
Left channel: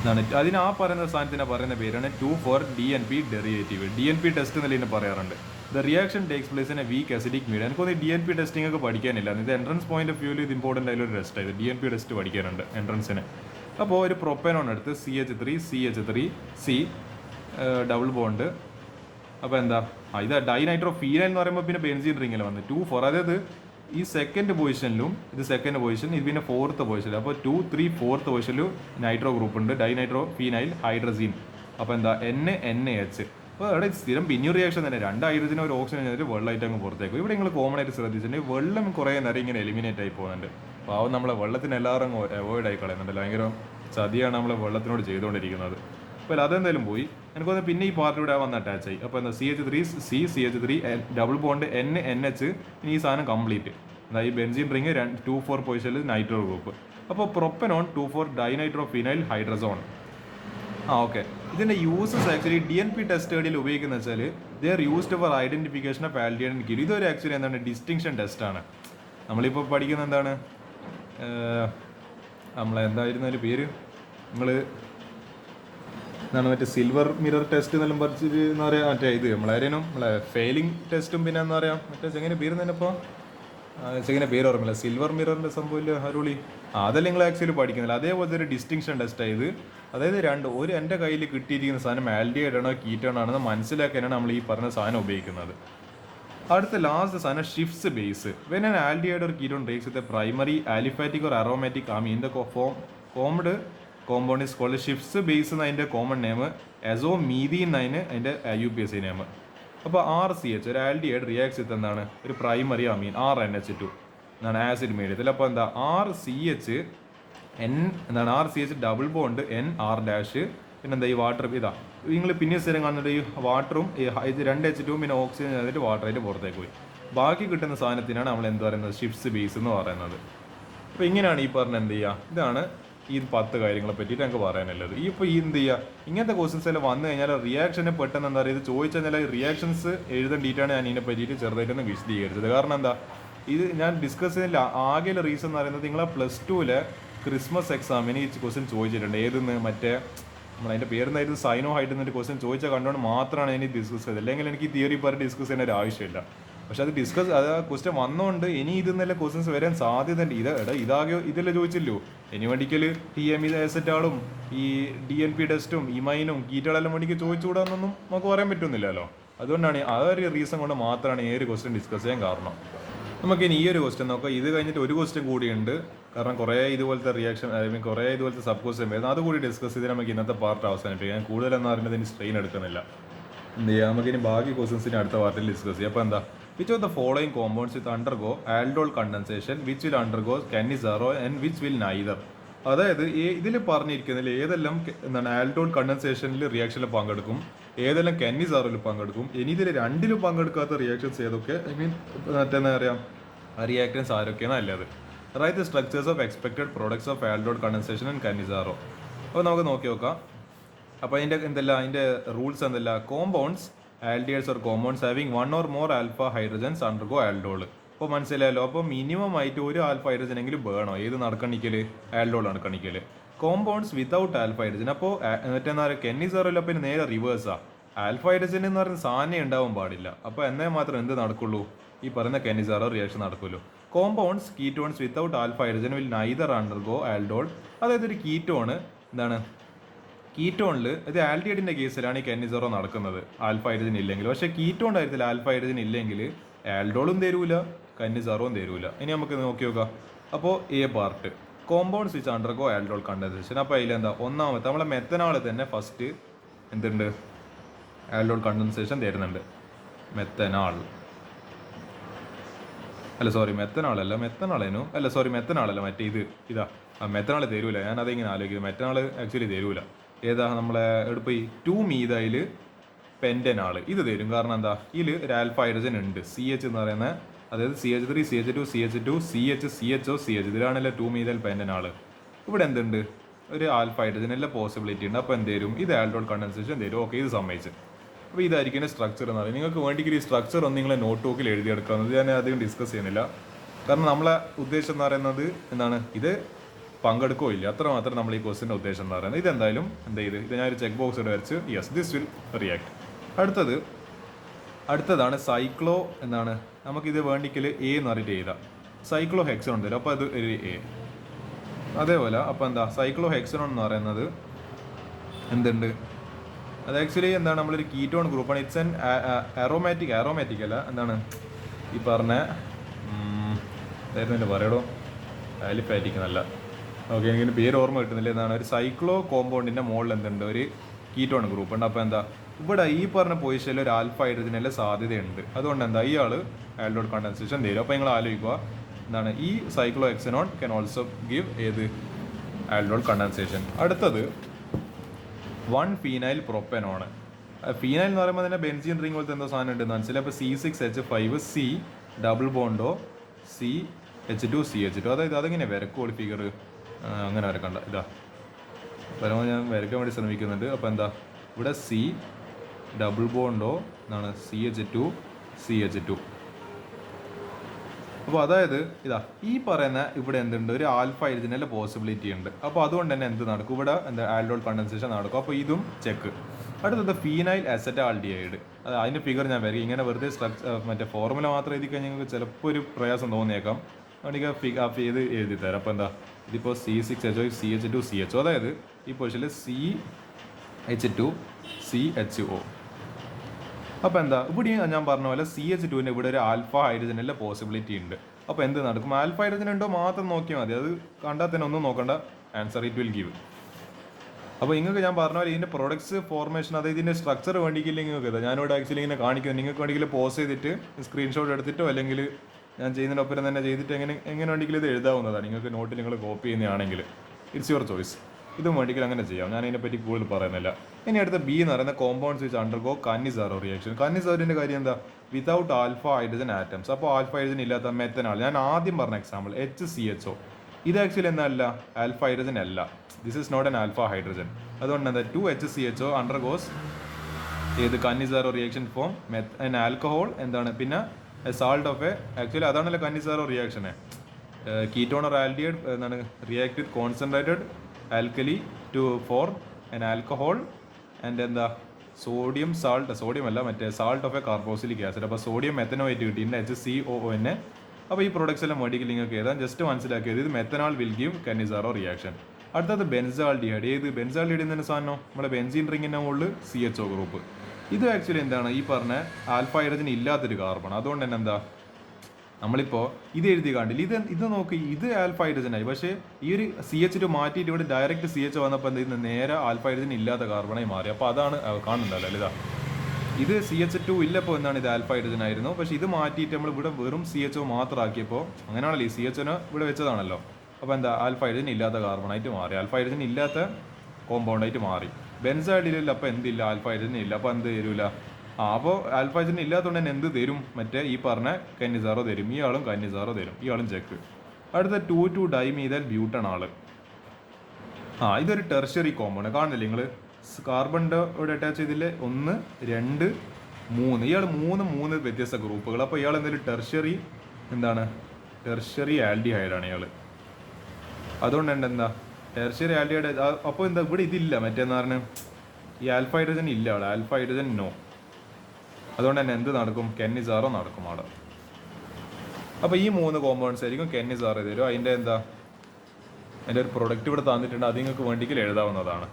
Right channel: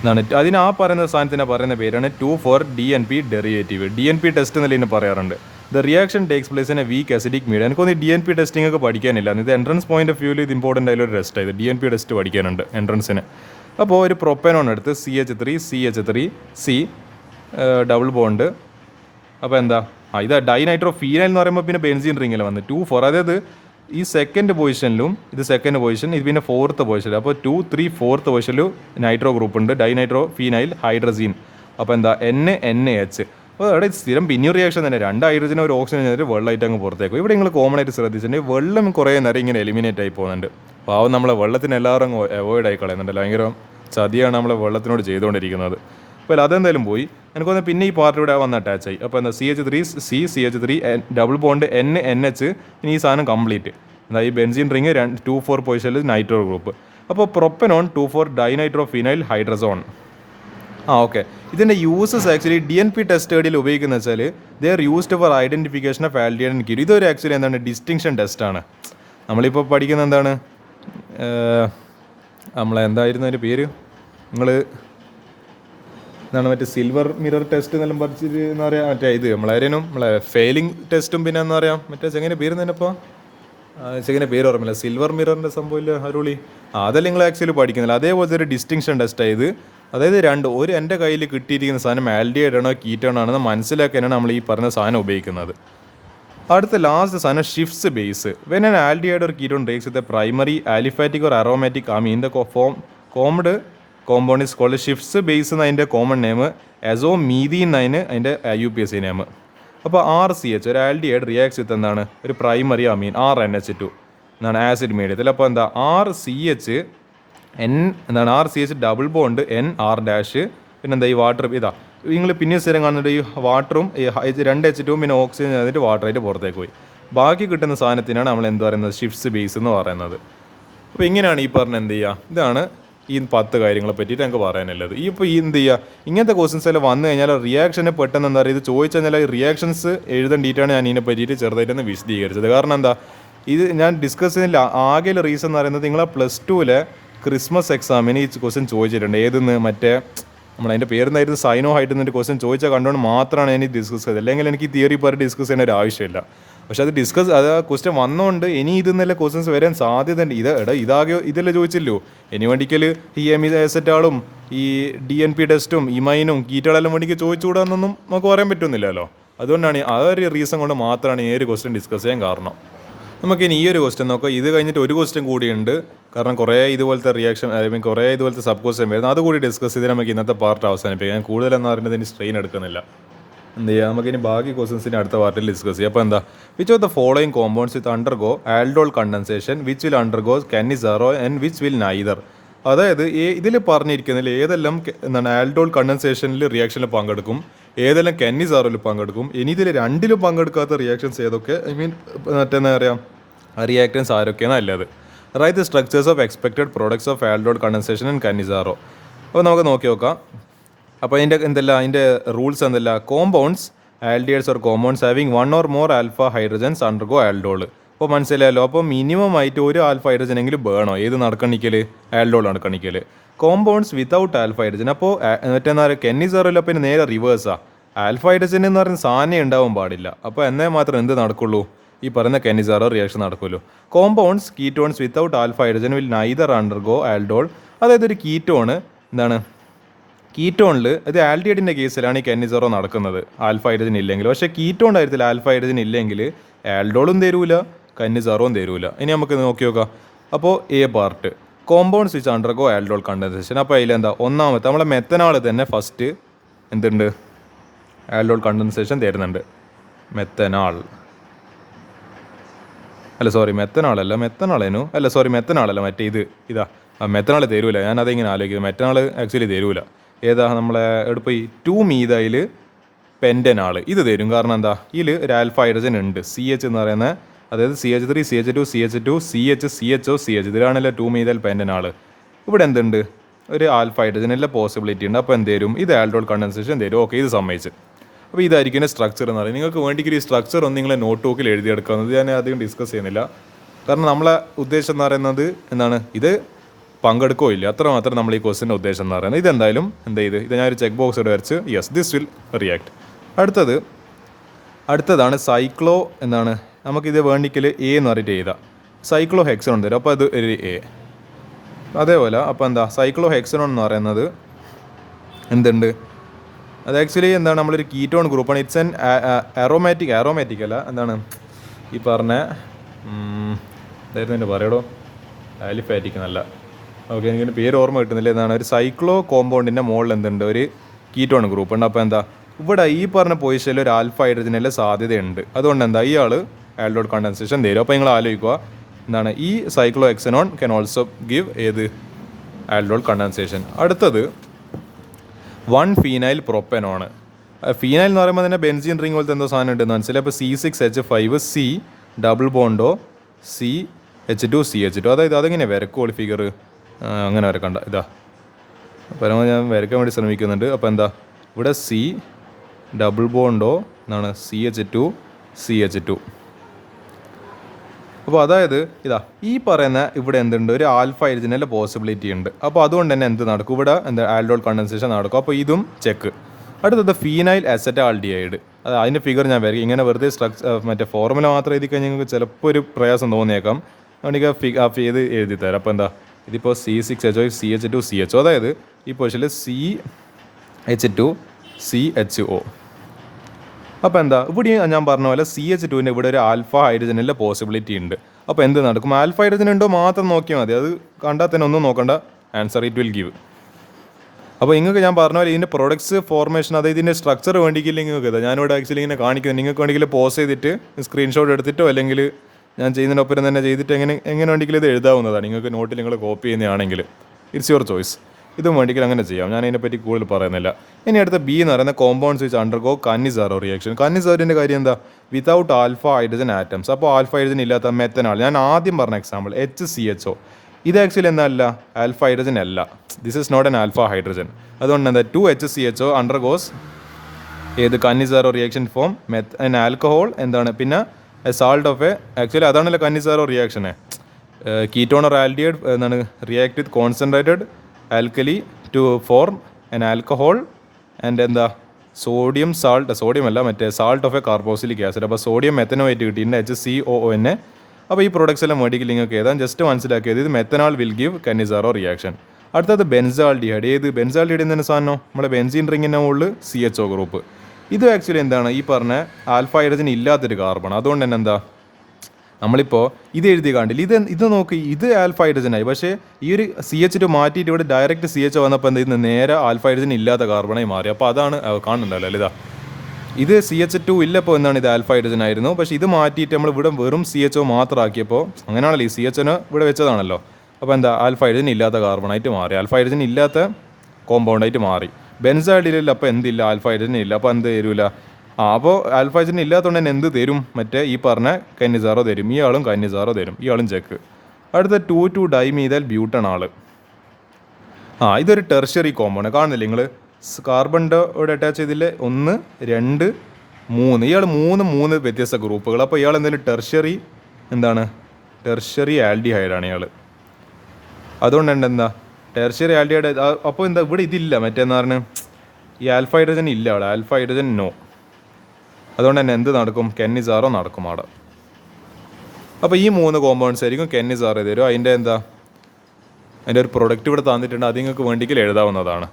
എന്നാണ് അതിന് ആ പറയുന്ന സാധനത്തിന് പറയുന്ന പേരാണ് 2,4-DNP ഡെറിവേറ്റീവ്. DNP ടെസ്റ്റ് എന്നല്ല ഇതിന് പറയാറുണ്ട്. The reaction takes place in a weak acidic medium. എനിക്കൊന്ന് DNP ടെസ്റ്റിംഗ് ഒക്കെ പഠിക്കാനില്ല. ഇത് എൻട്രൻസ് പോയിന്റ് ഓഫ് വ്യൂവിൽ ഇത് ഇമ്പോർട്ടൻ്റ് ആയൊരു ടെസ്റ്റ് ആയത്. DNP ടെസ്റ്റ് പഠിക്കാനുണ്ട് എൻട്രൻസിന്. അപ്പോൾ ഒരു പ്രൊപ്പനോൺ എടുത്ത് CH3 C ഡബിൾ ബോണ്ട്. അപ്പോൾ എന്താ ഇത് ഡൈനൈട്രോഫീനൈൽ എന്ന് പറയുമ്പോൾ പിന്നെ ബെൻസീൻ റിങ്ങിൽ വന്ന് 2,4, അതായത് ഈ സെക്കൻഡ് പൊസിഷനിലും ഇത് സെക്കൻഡ് പൊസിഷൻ, ഇത് പിന്നെ 4th പൊസിഷൻ. അപ്പോൾ 2, 3, 4th പൊസിഷനിലും നൈട്രോ ഗ്രൂപ്പ് ഉണ്ട്, ഡൈനൈട്രോഫീനൈൽ ഹൈഡ്രസീൻ. അപ്പോൾ എന്താ NH. അപ്പോൾ അവിടെ സ്ഥിരം പിന്യൂ റിയാക്ഷൻ തന്നെ, 2 ഹൈഡ്രജനും ഒരു ഓക്സിജൻ ചെയ്തിട്ട് വെള്ളമായിട്ട് അങ്ങ് പുറത്തേക്കും. ഇവിടെ നിങ്ങൾ കോമൺ ആയിട്ട് ശ്രദ്ധിച്ചിട്ടുണ്ടെങ്കിൽ വെള്ളം കുറേ നേരം ഇങ്ങനെ എലിമിനേറ്റ് ആയി പോകുന്നുണ്ട്. പാവം നമ്മളെ വെള്ളത്തിന് എല്ലാവരും അവോയ്ഡ് ആയി കളയുന്നുണ്ടല്ലോ. ഭയങ്കര ചതിയാണ് നമ്മളെ വെള്ളത്തിനോട് ചെയ്തുകൊണ്ടിരിക്കുന്നത്. അപ്പോൾ അതെന്തായാലും പോയി. എനിക്കൊന്ന് പിന്നെ ഈ പാർട്ടിലൂടെ വന്ന് അറ്റാച്ച് ആയി. അപ്പോൾ എന്താ CH3 ഡബിൾ ബോണ്ട് NH. ഇനി ഈ സാധനം കംപ്ലീറ്റ് എന്താ ഈ ബെൻസീൻ റിങ് 2,4 പൊസിഷനിൽ നൈട്രോ ഗ്രൂപ്പ്. അപ്പോൾ പ്രൊപ്പനോൺ 2,4-ഡൈനൈട്രോഫീനൈൽ ഹൈഡ്രസോൺ. ഓക്കെ. ഇതിൻ്റെ യൂസസ് ആക്ച്വലി DNP ടെസ്റ്റ് ഉപയോഗിക്കുന്ന വെച്ചാൽ they are used for identification of aldehyde and ketone. ഇതൊരു ആക്ച്വലി എന്താണ് ഡിസ്റ്റിങ്ഷൻ ടെസ്റ്റാണ്. നമ്മളിപ്പോൾ പഠിക്കുന്ന എന്താണ് നമ്മളെന്തായിരുന്നു അതിൻ്റെ പേര്, നിങ്ങൾ എന്താണ് മറ്റേ സിൽവർ മിറർ ടെസ്റ്റ് എന്നെല്ലാം പഠിച്ചിട്ട് എന്ന് പറയാം. മറ്റേ ഇത് നമ്മളെ ഫെയിലിംഗ് ടെസ്റ്റും പിന്നെ എന്താ പറയുക മറ്റേ ചെങ്ങനെ പേര് തന്നെ ഇപ്പോൾ ചെങ്ങനെ പേര് ഓർമ്മയില്ല. സിൽവർ മിററിൻ്റെ സംഭവമില്ല അരുളി, അതെല്ലാം നിങ്ങൾ ആക്ച്വലി പഠിക്കുന്നില്ല. അതേപോലത്തെ ഒരു ഡിസ്റ്റിങ്ഷൻ ടെസ്റ്റാണ് ഇത്. അതായത് എൻ്റെ കയ്യിൽ കിട്ടിയിരിക്കുന്ന സാധനം ആൽഡിഹൈഡ് ആണോ കീറ്റോൺ ആണെന്ന് മനസ്സിലാക്കാനാണ് നമ്മൾ ഈ പറഞ്ഞ സാധനം ഉപയോഗിക്കുന്നത്. അടുത്ത ലാസ്റ്റ് സാധനം Schiff's base. When an aldehyde or ketone reacts with a primary aliphatic or aromatic amine the formed compound is called Schiff's base എന്ന് അതിൻ്റെ കോമൺ നെയിം, അസോമീഥീൻ എന്നതിന് അതിൻ്റെ IUPAC നെയിം. അപ്പോൾ RCH ഒരു ആൽഡിഹൈഡ് റിയാക്ട്സ് വിത്ത് എന്താണ് ഒരു primary അമീൻ RNH2 എന്നാണ് acid മീഡിയത്തിൽ. അപ്പോൾ എന്താ RCH ഡബിൾ ബോണ്ട് NR-, പിന്നെന്താ ഈ വാട്ടർ ഇതാ നിങ്ങൾ പിന്നെ സ്ഥിരം കാണുന്നുണ്ട് ഈ വാട്ടറും 2 H2 പിന്നെ ഓക്സിജൻ എന്നിട്ട് വാട്ടറായിട്ട് പുറത്തേക്ക് പോയി. ബാക്കി കിട്ടുന്ന സാധനത്തിനാണ് നമ്മൾ എന്ത് പറയുന്നത് ഷിഫ്റ്റ്സ് ബേസ് എന്ന് പറയുന്നത്. അപ്പോൾ ഇങ്ങനെയാണ് ഈ പറഞ്ഞ എന്ത് ചെയ്യുക, ഇതാണ് ഈ 10 കാര്യങ്ങളെ പറ്റിയിട്ട് ഞങ്ങൾക്ക് പറയാനുള്ളത്. ഇപ്പോൾ ഈ എന്ത് ചെയ്യുക ഇങ്ങനത്തെ ക്വസ്റ്റ്യൻസ് എല്ലാം വന്നു കഴിഞ്ഞാൽ റിയാക്ഷനെ പെട്ടെന്ന് എന്താ പറയുക ഇത് ചോദിച്ചു കഴിഞ്ഞാൽ റിയാക്ഷൻസ് എഴുതേണ്ടിയിട്ടാണ് ഞാൻ ഇതിനെ പറ്റിയിട്ട് ചെറുതായിട്ടൊന്ന് വിശദീകരിച്ചത്. കാരണം എന്താ ഇത് ഞാൻ ഡിസ്കസ് ചെയ്യുന്നില്ല. ആകെയുള്ള റീസൺ എന്ന് പറയുന്നത് നിങ്ങളെ +2-ലെ ക്രിസ്മസ് എക്സാമിന് ഈ ക്വസ്റ്റ്യൻ ചോദിച്ചിട്ടുണ്ട്. ഏതെന്ന് മറ്റേ നമ്മളതിൻ്റെ പേരെന്നായിരുന്നു സൈനോഹൈഡ് എന്നൊരു ക്വസ്റ്റ്യൻ ചോദിച്ചാൽ കണ്ടുകൊണ്ട് മാത്രമാണ് ഞാൻ ഡിസ്കസ് ചെയ്തത്. അല്ലെങ്കിൽ എനിക്ക് ഈ തിയറി പറഞ്ഞ് ഡിസ്കസ് ചെയ്യേണ്ട ഒരു ആവശ്യമില്ല. പക്ഷെ അത് ക്വസ്റ്റ്യൻ വന്നുകൊണ്ട് ഇനി ഇതെന്നല്ല ക്വസ്റ്റ്യൻസ് വരാൻ സാധ്യതയുണ്ട്. ഇതാകെ ഇതെല്ലാം ചോദിച്ചില്ലോ. ഇനി വേണ്ടിക്കൽ ഈ എസെറ്റാളും ഈ DNP ടെസ്റ്റും ഇമൈനും കീറ്റകളെല്ലാം വേണ്ടിക്ക് ചോദിച്ചുകൂടാന്നൊന്നും നമുക്ക് പറയാൻ പറ്റുന്നില്ലല്ലോ. അതുകൊണ്ടാണ് ആ ഒരു റീസൺ കൊണ്ട് മാത്രമാണ് ഈ ഒരു ക്വസ്റ്റ്യൻ ഡിസ്കസ് ചെയ്യാൻ കാരണം. നമുക്കിനി ഈ ഒരു ക്വസ്റ്റ്യൻ നോക്കാം. ഇത് കഴിഞ്ഞിട്ട് ഒരു ക്വസ്റ്റ്യൻ കൂടിയുണ്ട്. കാരണം കുറേ ഇതുപോലത്തെ റിയാക്ഷൻ ഐ മീൻ കുറേ ഇതുപോലത്തെ സബ് ക്വസ്റ്റ്യൻ വരുന്നത് അതുകൂടി ഡിസ്കസ് ചെയ്ത് നമുക്ക് ഇന്നത്തെ പാർട്ട് അവസാനിപ്പിക്കാം. ഞാൻ കൂടുതലെന്ന് പറയുന്നത് ഇതിന് സ്ട്രെയിൻ എടുക്കുന്നില്ല. എന്ത് ചെയ്യുക, നമുക്കിനി ബാക്കി ക്വസ്റ്റൻസിന് അടുത്ത പാർട്ടിൽ ഡിസ്കസ് ചെയ്യാം. അപ്പോൾ എന്താ, which of the following compounds with undergo aldol condensation which will undergo Cannizzaro and which will neither. അതായത് ഇതിൽ പറഞ്ഞിരിക്കുന്നതിൽ ഏതെല്ലാം എന്താണ് ആൽഡോൾ കണ്ടൻസേഷനിൽ റിയാക്ഷനിൽ പങ്കെടുക്കും, ഏതെല്ലാം കാനിസാറോയിൽ പങ്കെടുക്കും, ഇനി ഇതിൽ രണ്ടിലും പങ്കെടുക്കാത്ത റിയാക്ഷൻസ് ഏതൊക്കെ, ഐ മീൻ മറ്റെന്താ പറയുക റിയാക്ടൻസ് ആരൊക്കെയാണ് നല്ലത്. Write the structures of expected products of aldol condensation and Cannizzaro. അപ്പോൾ നമുക്ക് നോക്കി നോക്കാം. അപ്പോൾ അതിൻ്റെ റൂൾസ് എന്തല്ല, compounds aldehydes or compounds having 1 or more alpha hydrogens undergo aldol. അപ്പോൾ മനസ്സിലായല്ലോ. അപ്പോൾ മിനിമം ആയിട്ട് ഒരു ആൽഫ ഹൈഡ്രജൻ എങ്കിലും വേണോ ഏത് നടക്കണിക്കൽ, ആൽഡോൾ നടക്കണിക്കൽ. കോമ്പൗണ്ട്സ് വിതൗട്ട് ആൽഫ ഹൈഡ്രജൻ, അപ്പോൾ മറ്റേന്നാ കെന്നിസാറില്ല, പിന്നെ നേരെ റിവേഴ്സാണ്. ആൽഫ ഹൈഡ്രജൻ എന്ന് പറയുന്ന സാധനം ഉണ്ടാവാൻ പാടില്ല. അപ്പോൾ എന്നേ മാത്രം എന്ത് നടക്കുള്ളൂ, ഈ പറയുന്ന കെന്നിസാറോ റിയാക്ഷൻ നടക്കുമല്ലോ. Compounds ketones without alpha hydrogen will neither undergo aldol. അതായത് ഒരു കീറ്റോണ് എന്താണ്, കീറ്റോണിൽ ഇത് ആൽഡിഹൈഡിൻ്റെ കേസിലാണ് ഈ കെന്നിസാറോ നടക്കുന്നത് ആൽഫ ഹൈഡ്രജൻ ഇല്ലെങ്കിൽ. പക്ഷേ കീറ്റോൺ കാര്യത്തിൽ ആൽഫ ഹൈഡ്രജൻ ഇല്ലെങ്കിൽ ആൽഡോളും തരൂല കെന്നിസാറോയും തരൂല. ഇനി നമുക്ക് നോക്കി നോക്കാം. അപ്പോൾ A part compounds which undergo aldol condensation. അപ്പോൾ അതിലെന്താ, ഒന്നാമത്തെ നമ്മളെ മെത്തനാൾ തന്നെ ഫസ്റ്റ് എന്തുണ്ട്, ആൽഡോൾ കണ്ടൻസേഷൻ തരുന്നുണ്ട്. മെത്തനാൾ അല്ല സോറി മെത്തനാളല്ല, മെത്തനാളേനു അല്ല സോറി മെത്തനാളല്ല, മറ്റേ ഇതാ മെത്തനാൾ തരൂല. ഞാൻ അതെങ്ങനെ ആലോചിക്കുന്നത്, മെത്തനാൾ ആക്ച്വലി തരൂല. ഏതാ നമ്മളെ എടുപ്പ് ഈ 2 മീതയിൽ പെൻറ്റനാൾ ഇത് തരും. കാരണം എന്താ, ഇതിൽ ഒരു ആൽഫ ഹൈഡ്രജൻ ഉണ്ട്, CH എന്ന് പറയുന്നത്, അതായത് CH3 CH2 CH2 CH CHO CH, ഇതിലാണല്ലോ 2 മീതയിൽ പെൻറ്റനാൾ. ഇവിടെ എന്തുണ്ട്, ഒരു ആൽഫ ഹൈഡ്രജൻ എല്ലാ പോസിബിലിറ്റി ഉണ്ട്. അപ്പോൾ എന്ത് തരും, ഇത് ആൽഡോൾ കണ്ടൻസേഷൻ തരും. ഓക്കെ, ഇത് സമ്മതിച്ച്. അപ്പോൾ ഇതായിരിക്കും സ്ട്രക്ചർ എന്ന് പറയുന്നത്. നിങ്ങൾക്ക് വേണ്ടിയെങ്കിൽ ഈ സ്ട്രക്ചർ ഒന്ന് നിങ്ങളെ നോട്ട് ബുക്കിൽ എഴുതിയെടുക്കാവുന്നത്, ഞാൻ അധികം ഡിസ്കസ് ചെയ്യുന്നില്ല. കാരണം നമ്മളെ ഉദ്ദേശം എന്ന് പറയുന്നത് എന്താണ്, ഇത് പങ്കെടുക്കോ ഇല്ല, അത്രമാത്രം നമ്മൾ ഈ ക്വസ്റ്റിൻ്റെ ഉദ്ദേശം എന്ന് പറയുന്നത്. ഇതെന്തായാലും ഇത് ഞാനൊരു ചെക്ക് ബോക്സ് ഇവിടെ വരച്ച് യെസ് ദിസ് വിൽ റിയാക്ട്. അടുത്തതാണ് സൈക്ലോ എന്താണ്, നമുക്കിത് വേണ്ടിക്കൽ എ എന്ന് പറഞ്ഞിട്ട് എഴുതാം. സൈക്ലോ ഹെക്സോൺ തരും, അപ്പോൾ അത് ഒരു എ. അതേപോലെ അപ്പോൾ എന്താ സൈക്ലോ ഹെക്സോൺ എന്ന് പറയുന്നത് എന്തുണ്ട്, അത് ആക്ച്വലി എന്താണ് നമ്മളൊരു കീറ്റോൺ ഗ്രൂപ്പാണ്. ഇറ്റ്സ് എൻ ആരോമാറ്റിക് അല്ല, എന്താണ് ഈ പറഞ്ഞ എന്തായിരുന്നു പറയടോ, ആലിഫാറ്റിക് എന്നല്ല, ഓക്കെ എനിക്കിന് പേര് ഓർമ്മ കിട്ടുന്നില്ല. എന്താണ് ഒരു സൈക്ലോ കോമ്പൗണ്ടിൻ്റെ മുകളിൽ എന്തുണ്ട്, ഒരു കീറ്റോൺ ഗ്രൂപ്പ് ഉണ്ട്. അപ്പോൾ എന്താ ഇവിടെ ഈ പറഞ്ഞ പൊസിഷനിൽ ഒരു ആൽഫ ഹൈഡ്രജനിലെ സാധ്യതയുണ്ട്. അതുകൊണ്ട് എന്താ ഇയാൾ ആൽഡോൾ കണ്ടൻസേഷൻ തരും. അപ്പോൾ നിങ്ങൾ ആലോചിക്കുക എന്താണ്, ഈ സൈക്ലോ ഹെക്സനോൺ ക്യാൻ ഓൾസോ ഗിവ് ഏത് ആൽഡോൾ കണ്ടൻസേഷൻ. അടുത്തത് 1 ഫീനൈൽ പ്രൊപ്പനോൺ. ഫീനൈൽ എന്ന് പറയുമ്പോൾ തന്നെ ബെൻസീൻ റിംഗ് പോലത്തെ എന്തോ സാധനം ഉണ്ടെന്ന് മനസ്സിലായി. അപ്പോൾ C6H5 C double ബോണ്ടോ CH2 CH2. അതായത് അതെങ്ങനെയാണ് വരക്കോളി ഫിഗർ, അങ്ങനെ വരക്കണ്ട, ഇതാ പരമാവധി ഞാൻ വരയ്ക്കാൻ വേണ്ടി ശ്രമിക്കുന്നുണ്ട്. അപ്പോൾ എന്താ ഇവിടെ C ഡബിൾ ബോണ്ടോ എന്നാണ് CH2 CH2. അപ്പോൾ അതായത് ഇതാ ഈ പറയുന്ന ഇവിടെ എന്തുണ്ട്, ഒരു ആൽഫ ഹൈഡ്രജനിലെ പോസിബിലിറ്റി ഉണ്ട്. അപ്പോൾ അതുകൊണ്ട് തന്നെ എന്ത് നടക്കും, ഇവിടെ എന്താ ആൽഡോൾ കണ്ടൻസേഷൻ നടക്കും. അപ്പോൾ ഇതും ചെക്ക്. അടുത്തത് ഫീനൈൽ അസറ്റാൽഡിഹൈഡ്. അത് അതിൻ്റെ ഫിഗർ ഞാൻ വരയ്ക്കും. ഇങ്ങനെ വെറുതെ മറ്റേ ഫോർമുല മാത്രം എഴുതി കഴിഞ്ഞാൽ നിങ്ങൾക്ക് ചിലപ്പോൾ ഒരു പ്രയാസം തോന്നിയേക്കാം. അതുകൊണ്ട് ഇത് എഴുതി തരാം. അപ്പോൾ എന്താ ഇതിപ്പോൾ C6H5 CH2 CHO, അതായത് ഈ പൊസിഷനിൽ CH2 CHO. അപ്പോൾ എന്താ ഇവിടെ ഞാൻ പറഞ്ഞ പോലെ CH2ൻ്റെ ഇവിടെ ഒരു ആൽഫ ഹൈഡ്രജനിലെ പോസിബിലിറ്റി ഉണ്ട്. അപ്പോൾ എന്ത് നടക്കും, ആൽഫ ഹൈഡ്രജൻ ഉണ്ടോ മാത്രം നോക്കിയാൽ മതി, അത് കണ്ടാൽ തന്നെ ഒന്നും നോക്കണ്ട, ആൻസർ ഇറ്റ് വിൽ ഗിവ്. അപ്പോൾ നിങ്ങൾക്ക് ഞാൻ പറഞ്ഞ പോലെ ഇതിൻ്റെ പ്രൊഡക്ട്സ് ഫോർമേഷൻ, അതായത് ഇതിൻ്റെ സ്ട്രക്ചർ വേണ്ടിക്കില്ലെങ്കിൽ നിങ്ങൾക്ക് ഞാനിവിടെ ആക്ച്വലി ഇങ്ങനെ കാണിക്കുന്നത്, നിങ്ങൾക്ക് വേണമെങ്കിൽ പോസ് ചെയ്തിട്ട് സ്ക്രീൻഷോട്ട് എടുത്തിട്ടോ അല്ലെങ്കിൽ ഞാൻ ചെയ്യുന്നതിനൊപ്പം തന്നെ ചെയ്തിട്ട് എങ്ങനെ വേണമെങ്കിലും ഇത് എഴുതാവുന്നതാണ്. നിങ്ങൾക്ക് നോട്ടിൽ നിങ്ങൾ കോപ്പി ചെയ്യുന്നതാണെങ്കിൽ ഇറ്റ്സ് യുവർ ചോയ്സ്. ഇതും വേണമെങ്കിൽ അങ്ങനെ ചെയ്യാം, ഞാൻ അതിനെപ്പറ്റി കൂടുതൽ പറയുന്നില്ല. ഇനി അടുത്ത ബി എന്ന് പറയുന്ന compounds which undergo Cannizzaro reaction. കാനിസാറിൻ്റെ കാര്യം എന്താ, വിതൗട്ട് ആൽഫ ഹൈഡ്രജൻ ആറ്റംസ്. അപ്പോൾ ആൽഫ ഹൈഡ്രജൻ ഇല്ലാത്ത മെത്തനാൾ, ഞാൻ ആദ്യം പറഞ്ഞ എക്സാമ്പിൾ HCHO, ഇത് ആക്ച്വലി എന്നല്ല ആൽഫ ഹൈഡ്രജൻ അല്ല, this is not an alpha hydrogen. അതുകൊണ്ട് എന്താ 2HCHO അണ്ടർഗോസ് ഏത് Cannizzaro reaction form an alcohol എന്താണ്, പിന്നെ സാൾട്ട് ഓഫ് ആക്ച്വലി അതാണല്ലോ കാനിസാറോ റിയാക്ഷന്. കീറ്റോൺ ഓർ ആൽഡിഹൈഡ് എന്താണ് react with concentrated alkali to form an alcohol and എന്താ സോഡിയം അല്ല മറ്റേ salt of A carboxylic acid. അപ്പോൾ സോഡിയം മെത്തനോയിട്ട് കിട്ടിയിട്ടുണ്ട് HCOON. അപ്പോൾ ഈ പ്രൊഡക്ട്സ് എല്ലാം മേടിക്കില്ല നിങ്ങൾക്ക് ഏതാ ജസ്റ്റ് മനസ്സിലാക്കിയത്, ഇത് മെത്തനാൾ വിൽ ഗിവ് കാനിസാറോ റിയാക്ഷൻ. അടുത്തത് ബെൻസാൾഡിഹൈഡ്. ഏത് ബെൻസാൾഡിഹൈഡ് എന്ന സാധനം നമ്മുടെ ബെൻസീൻ റിങ്ങിൻ്റെ മുകളിൽ CHO ഗ്രൂപ്പ്. ഇത് ആക്ച്വലി എന്താണ് ഈ പറഞ്ഞ ആൽഫ ഹൈഡ്രജൻ ഇല്ലാത്തൊരു കാർബൺ. അതുകൊണ്ട് തന്നെ എന്താ നമ്മളിപ്പോൾ ഇത് എഴുതി കാണില്ല, ഇത് നോക്ക്, ഇത് ആൽഫ ഹൈഡ്രജനായി. പക്ഷേ ഈ ഒരു CH2 മാറ്റിയിട്ട് ഇവിടെ ഡയറക്റ്റ് CH വന്നപ്പോൾ എന്ത് ചെയ്യുന്നത്, നേരെ ആൽഫ ഹൈഡ്രജൻ ഇല്ലാത്ത കാർബണായി മാറി. അപ്പോൾ അതാണ് കാണുന്നുണ്ടല്ലോ അല്ലേ, ഇതാ ഇത് CH2 ഇല്ലപ്പോൾ എന്താണ്, ഇത് ആൽഫ ഹൈഡ്രജൻ ആയിരുന്നു. പക്ഷേ ഇത് മാറ്റിയിട്ട് നമ്മൾ ഇവിടെ വെറും CHO മാത്രമാക്കിയപ്പോൾ, അങ്ങനെയാണല്ലോ ഈ CHO ഇവിടെ വെച്ചതാണല്ലോ. അപ്പോൾ എന്താ, ആൽഫ ഹൈഡ്രജൻ ഇല്ലാത്ത കാർബണായിട്ട് മാറി, ആൽഫ ഹൈഡ്രജൻ ഇല്ലാത്ത കോമ്പൗണ്ടായിട്ട് മാറി. ബെൻസാഡിലില്ല, അപ്പോൾ എന്തില്ല, ആൽഫ ഹൈഡ്രജൻ ഇല്ല, അപ്പോൾ എന്ത് തരൂല. അപ്പോൾ ആൽഫ ഹൈഡ്രജൻ ഇല്ലാത്തതുകൊണ്ട് തന്നെ എന്ത് തരും, മറ്റേ ഈ പറഞ്ഞ കന്നിസാറോ തരും, ഇയാളും കന്നിസാറോ തരും, ഇയാളും ചെക്ക്. അടുത്ത 2,2 ഡൈമീഥൈൽ ബ്യൂട്ടൺ ആള്. ഇതൊരു ടെർഷ്യറി കോമ്പൗണ്ട് കാണുന്നില്ല നിങ്ങൾ, കാർബണിനോട് അറ്റാച്ച് ചെയ്തില്ലേ, 1 2 3, ഇയാൾ 3 വ്യത്യസ്ത ഗ്രൂപ്പുകൾ. അപ്പോൾ ഇയാൾ എന്തെങ്കിലും ടെർഷ്യറി എന്താണ്, ടെർഷ്യറി ആൽഡിഹൈഡാണ് ഇയാൾ. അതുകൊണ്ട് തന്നെ എന്താ ടെർഷ്യറി ആൽഡിഹൈഡ്. അപ്പോൾ എന്താ ഇവിടെ ഇതില്ല, മറ്റേന്ന് പറഞ്ഞാൽ ഈ ആൽഫ ഹൈഡ്രജൻ ഇല്ല അവിടെ, ആൽഫ ഹൈഡ്രജൻ നോ. അതുകൊണ്ട് തന്നെ എന്ത് നടക്കും, കന്നിസാറോ നടക്കും അവിടെ. അപ്പോൾ ഈ 3 കോമ്പൗണ്ട്സ് ആയിരിക്കും കന്നിസാറോ തരും. അതിൻ്റെ ഒരു പ്രൊഡക്റ്റ് ഇവിടെ തന്നിട്ടുണ്ട്, അത് നിങ്ങൾക്ക് വേണ്ടിയെങ്കിൽ എഴുതാവുന്നതാണ്.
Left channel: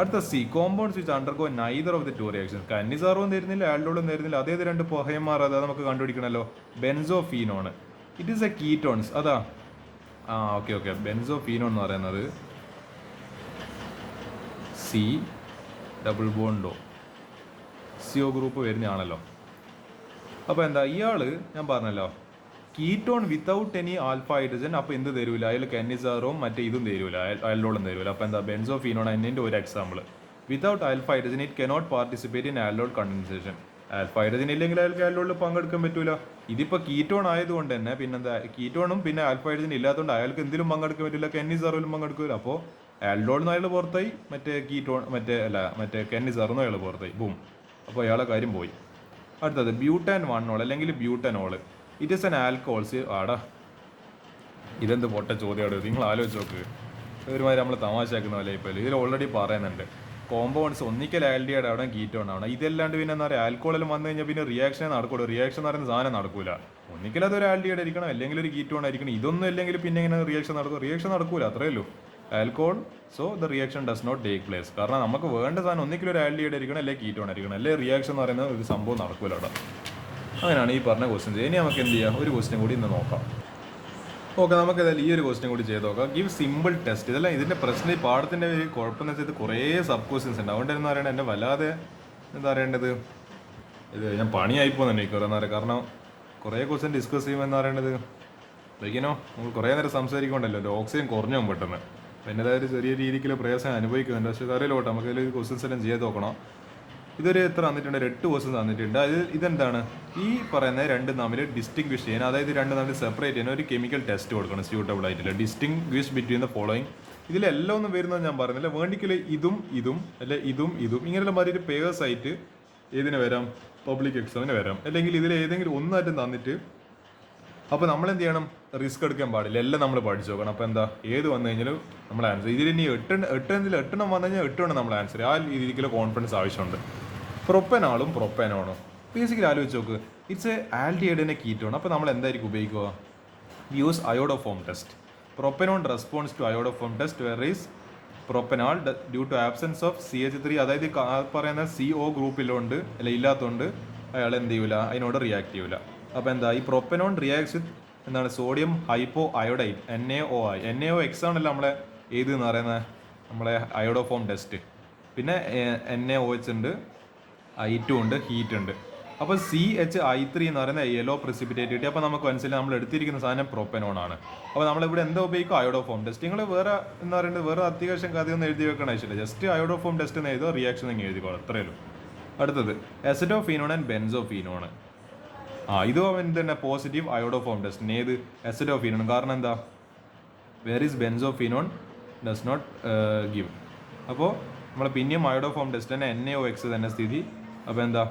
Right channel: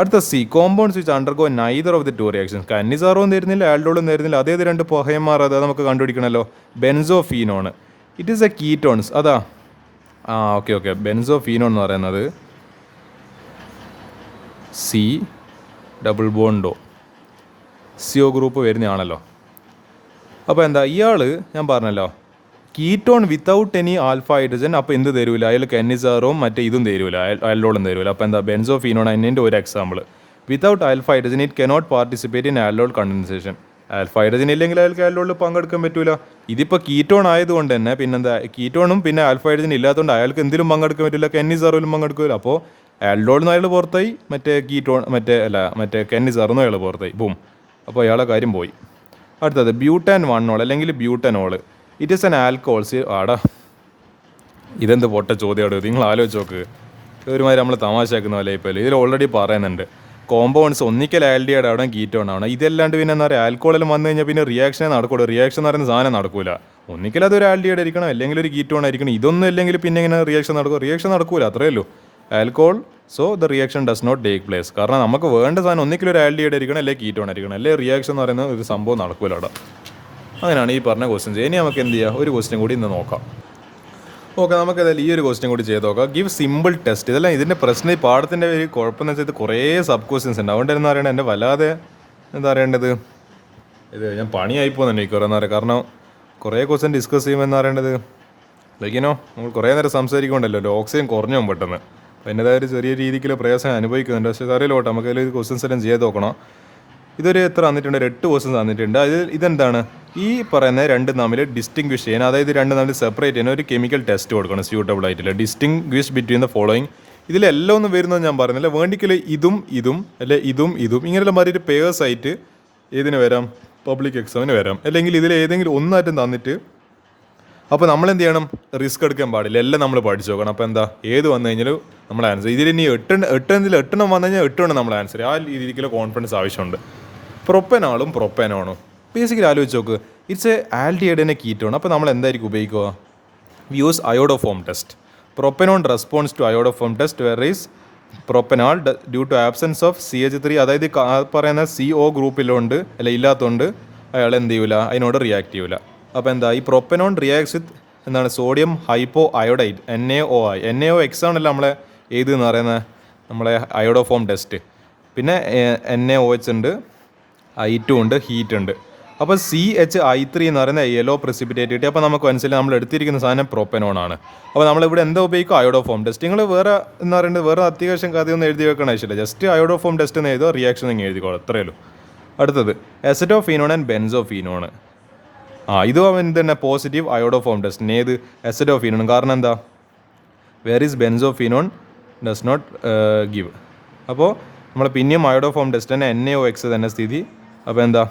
അടുത്ത C, compounds which undergo neither of the 2 reactions. കന്നിസാറോയും തരുന്നില്ല, ആൽഡോളും തരുന്നില്ല, അതേത് 2 പുകയന്മാർ, അത് നമുക്ക് കണ്ടുപിടിക്കണമല്ലോ. Benzophenone, it is a ketones. അതാ ഓക്കെ ബെൻസോഫീനോൺ എന്ന് പറയുന്നത് C ഡബിൾ ബോണ്ടോ CO ഗ്രൂപ്പ് വരുന്നതാണല്ലോ. അപ്പോൾ എന്താ ഇയാൾ, ഞാൻ പറഞ്ഞല്ലോ, ketone without any alpha hydrogen. അപ്പോൾ എന്ത് തരൂല, അയാൾ കന്നിസാറും മറ്റേ ഇതും തരൂല, ആൽഡോളും തരൂല. അപ്പോൾ എന്താ, ബെൻസോഫീനോൺ അതിൻ്റെ ഒരു example. Without alpha hydrogen it cannot participate in aldol condensation. Alpha hydrogen ഇല്ലെങ്കിൽ അയാൾക്ക് ആൽഡോളിൽ പങ്കെടുക്കാൻ പറ്റൂല. ഇതിപ്പോൾ കീറ്റോൺ ആയതുകൊണ്ട് തന്നെ പിന്നെന്താ, കീറ്റോണും പിന്നെ ആൽഫ ഹൈഡ്രജൻ ഇല്ലാത്തതുകൊണ്ട് അയാൾക്ക് എന്തിലും പങ്കെടുക്കാൻ പറ്റില്ല, കന്നിസാറിലും പങ്കെടുക്കില്ല. അപ്പോൾ ആൽഡോളിൽ നിന്ന് അയാൾ പുറത്തായി, മറ്റേ കന്നിസാറിൽ നിന്ന് അയാൾ പുറത്തായി, ബൂം. അപ്പോൾ അയാളെ കാര്യം പോയി. അടുത്തത് ബ്യൂട്ടാൻ 1 അല്ലെങ്കിൽ ബ്യൂട്ടനോൾ, ഇറ്റ് ഈസ് ആൻ ആൽക്കോൾസ്. ഇതെന്ത് പൊട്ട ചോദ്യമാണ്, നിങ്ങൾ ആലോചിച്ച് നോക്ക്. ഒരുമാതിരി നമ്മൾ തമാശയാക്കുന്ന പോലെ ഇപ്പോൾ ഇതിൽ ഓൾറെഡി പറയുന്നുണ്ട്, കോമ്പൗണ്ട്സ് ഒന്നിക്കൽ ആൽഡിഹൈഡ് ആവണം, കീറ്റോൺ ആവണം. ഇതല്ലാണ്ട് പിന്നെ എന്താ പറയുക, ആൽക്കോളെല്ലാം വന്നു കഴിഞ്ഞാൽ പിന്നെ റിയാക്ഷനെ നടക്കുള്ളൂ. റിയാക്ഷൻ എന്ന് പറയുന്ന സാധനം നടക്കൂല. ഒന്നിക്കൽ അതൊരു ആൽഡിഹൈഡ് ആയിരിക്കണം, അല്ലെങ്കിൽ ഒരു കീറ്റോൺ ആയിരിക്കണം. ഇതൊന്നും അല്ലെങ്കിൽ പിന്നെ ഇങ്ങനെ റിയാക്ഷൻ നടക്കൂല, അത്രയേ ഉള്ളൂ. Alcohol, so the reaction does not take place. കാരണം നമുക്ക് വേണ്ട സാധനം ഒന്നിക്കലും ഒരു ആൽഡിഹൈഡ് ആയിരിക്കണം, അല്ലെങ്കിൽ കീറ്റോൺ ആയിരിക്കണം, അല്ലെങ്കിൽ റിയാക്ഷൻ എന്ന് പറയുന്ന ഒരു സംഭവം നടക്കൂല അവിടെ. അങ്ങനെയാണ് ഈ പറഞ്ഞ ക്വസ്റ്റ്യൻ. ഇനി നമുക്ക് എന്ത് ചെയ്യാം, ഒരു ക്വസ്റ്റ്യൻ കൂടി ഇന്ന് നോക്കാം. ഓക്കെ, നമുക്കതായാലും ഈ ഒരു ക്വസ്റ്റ്യൻ കൂടി ചെയ്ത് നോക്കാം. Give simple test. ഇതെല്ലാം ഇതിൻ്റെ പ്രശ്നം, ഈ പാഠത്തിൻ്റെ ഒരു കുഴപ്പമെന്ന് വെച്ചാൽ ഇത് കുറേ സബ് ക്വസ്റ്റ്യൻസ് ഉണ്ട്. അതുകൊണ്ട് എന്താ പറയണത്, എൻ്റെ വല്ലാതെ എന്താ പറയേണ്ടത്, ഇത് ഞാൻ പണിയായി പോകുന്നുണ്ട് എനിക്ക് കുറേ നേരം. കാരണം കുറേ ക്വസ്റ്റ്യൻ ഡിസ്കസ് ചെയ്യുമ്പോൾ എന്താ പറയേണ്ടത്, ലൈക്കിനോ നമ്മൾ കുറേ നേരം സംസാരിക്കുന്നുണ്ടല്ലോ, ഓക്സിജൻ കുറഞ്ഞു പോകും പെട്ടെന്ന്. അപ്പോൾ എൻ്റെതായ ഒരു ചെറിയ രീതിക്കുള്ള പ്രയാസം അനുഭവിക്കുന്നുണ്ട്. പക്ഷേ അറിയില്ലോട്ടെ, നമുക്ക് അതിൽ ക്വസ്റ്റ്യൻസ് എല്ലാം ചെയ്ത് നോക്കണം. ഇതൊരു എത്ര തന്നിട്ടുണ്ട്, 8 ക്വസ്റ്റ്യൻസ് തന്നിട്ടുണ്ട്. ഇതെന്താണ്, ഈ പറയുന്ന രണ്ടും തമ്മിൽ ഡിസ്റ്റിങ്വിഷ് ചെയ്യാൻ, അതായത് രണ്ടും തമ്മിൽ സെപ്പറേറ്റ് ചെയ്യാൻ ഒരു കെമിക്കൽ ടെസ്റ്റ് കൊടുക്കണം സ്യൂട്ടബിൾ ആയിട്ടില്ല. Distinguish between the following. ഇതിലെല്ലാം ഒന്നും വരുന്നത് ഞാൻ പറഞ്ഞില്ല, വേണ്ടിക്കൽ ഇതും അല്ലെ ഇതും ഇങ്ങനെയുള്ള മാതിരി പേഴ്സ് ആയിട്ട് ഏതിന് വരാം, പബ്ലിക് എക്സാമിന് വരാം. അല്ലെങ്കിൽ ഇതിൽ ഏതെങ്കിലും ഒന്നായിട്ടും തന്നിട്ട്, അപ്പോൾ നമ്മൾ എന്ത് ചെയ്യണം, റിസ്ക് എടുക്കാൻ പാടില്ല, എല്ലാം നമ്മൾ പഠിച്ചു നോക്കണം. അപ്പോൾ എന്താ, ഏത് വന്നു കഴിഞ്ഞാലും നമ്മൾ ആൻസർ. ഇതിൽ ഇനി 8 വന്നു കഴിഞ്ഞാൽ 8 നമ്മൾ ആൻസർ. ആ രീതിക്കുള്ള കോൺഫിഡൻസ് ആവശ്യമുണ്ട്. പ്രൊപ്പനോണും ബേസിക്കലി ആലോചിച്ച് നോക്ക്, ഇറ്റ്സ് എ ആൽഡിഹൈഡിനെ കീറ്റോൺ. അപ്പോൾ നമ്മൾ എന്തായിരിക്കും ഉപയോഗിക്കുക, we use iodoform test. Propanone responds to iodoform test whereas propanal due to absence of CH3. അതായത് പറയുന്ന CO ഗ്രൂപ്പിലുണ്ട് അല്ല ഇല്ലാത്തതുകൊണ്ട് അയാൾ എന്ത് ചെയ്യൂല, അതിനോട് റിയാക്ട് ചെയ്യൂല. അപ്പോൾ എന്താ, ഈ പ്രൊപ്പനോൺ റിയാക്ട്സ് വിത്ത് എന്താണ്, sodium hypo iodide, NaOI. NaOX ആണല്ലോ നമ്മളെ ഏത് എന്ന് പറയുന്നത്, നമ്മളെ അയോഡോഫോം ടെസ്റ്റ്. പിന്നെ NaOH ഉണ്ട്, I2 ഉണ്ട്, ഹീറ്റ് ഉണ്ട്. അപ്പോൾ CHI3 എന്ന് പറയുന്ന യെല്ലോ പ്രസിപ്പിറ്റേറ്റ് കിട്ടി. അപ്പോൾ നമുക്ക് മനസ്സിലായി നമ്മൾ എടുത്തിരിക്കുന്ന സാധനം പ്രൊപ്പനോൺ ആണ്. അപ്പോൾ നമ്മളിവിടെ എന്താ ഉപയോഗിക്കും, അയോഡോഫോം ടെസ്റ്റ്. നിങ്ങൾ വേറെ എന്ന് പറയുന്നത് വേറെ അത്യാവശ്യം കഥയൊന്നും എഴുതി വെക്കണ ആവശ്യമില്ല, ജസ്റ്റ് അയോഡോഫോം ടെസ്റ്റ് എന്ന് എഴുതുക, റിയാക്ഷൻ നിങ്ങൾ എഴുതിക്കോളൂ, അത്രയേ ഉള്ളൂ. അടുത്തത് അസറ്റോഫീനോൺ ആൻഡ് ബെൻസോഫീനോൺ. ഇതും എന്ത് തന്നെ പോസിറ്റീവ് അയോഡോഫോം ടെസ്റ്റ്. ഏത്, അസറ്റോഫീനോൺ. കാരണം എന്താ, whereas benzophenone does not give. അപ്പോൾ നമ്മൾ പിന്നെയും അയോഡോഫോം ടെസ്റ്റ് തന്നെ NaOX തന്നെ സ്ഥിതി. അപ്പോൾ എന്താ,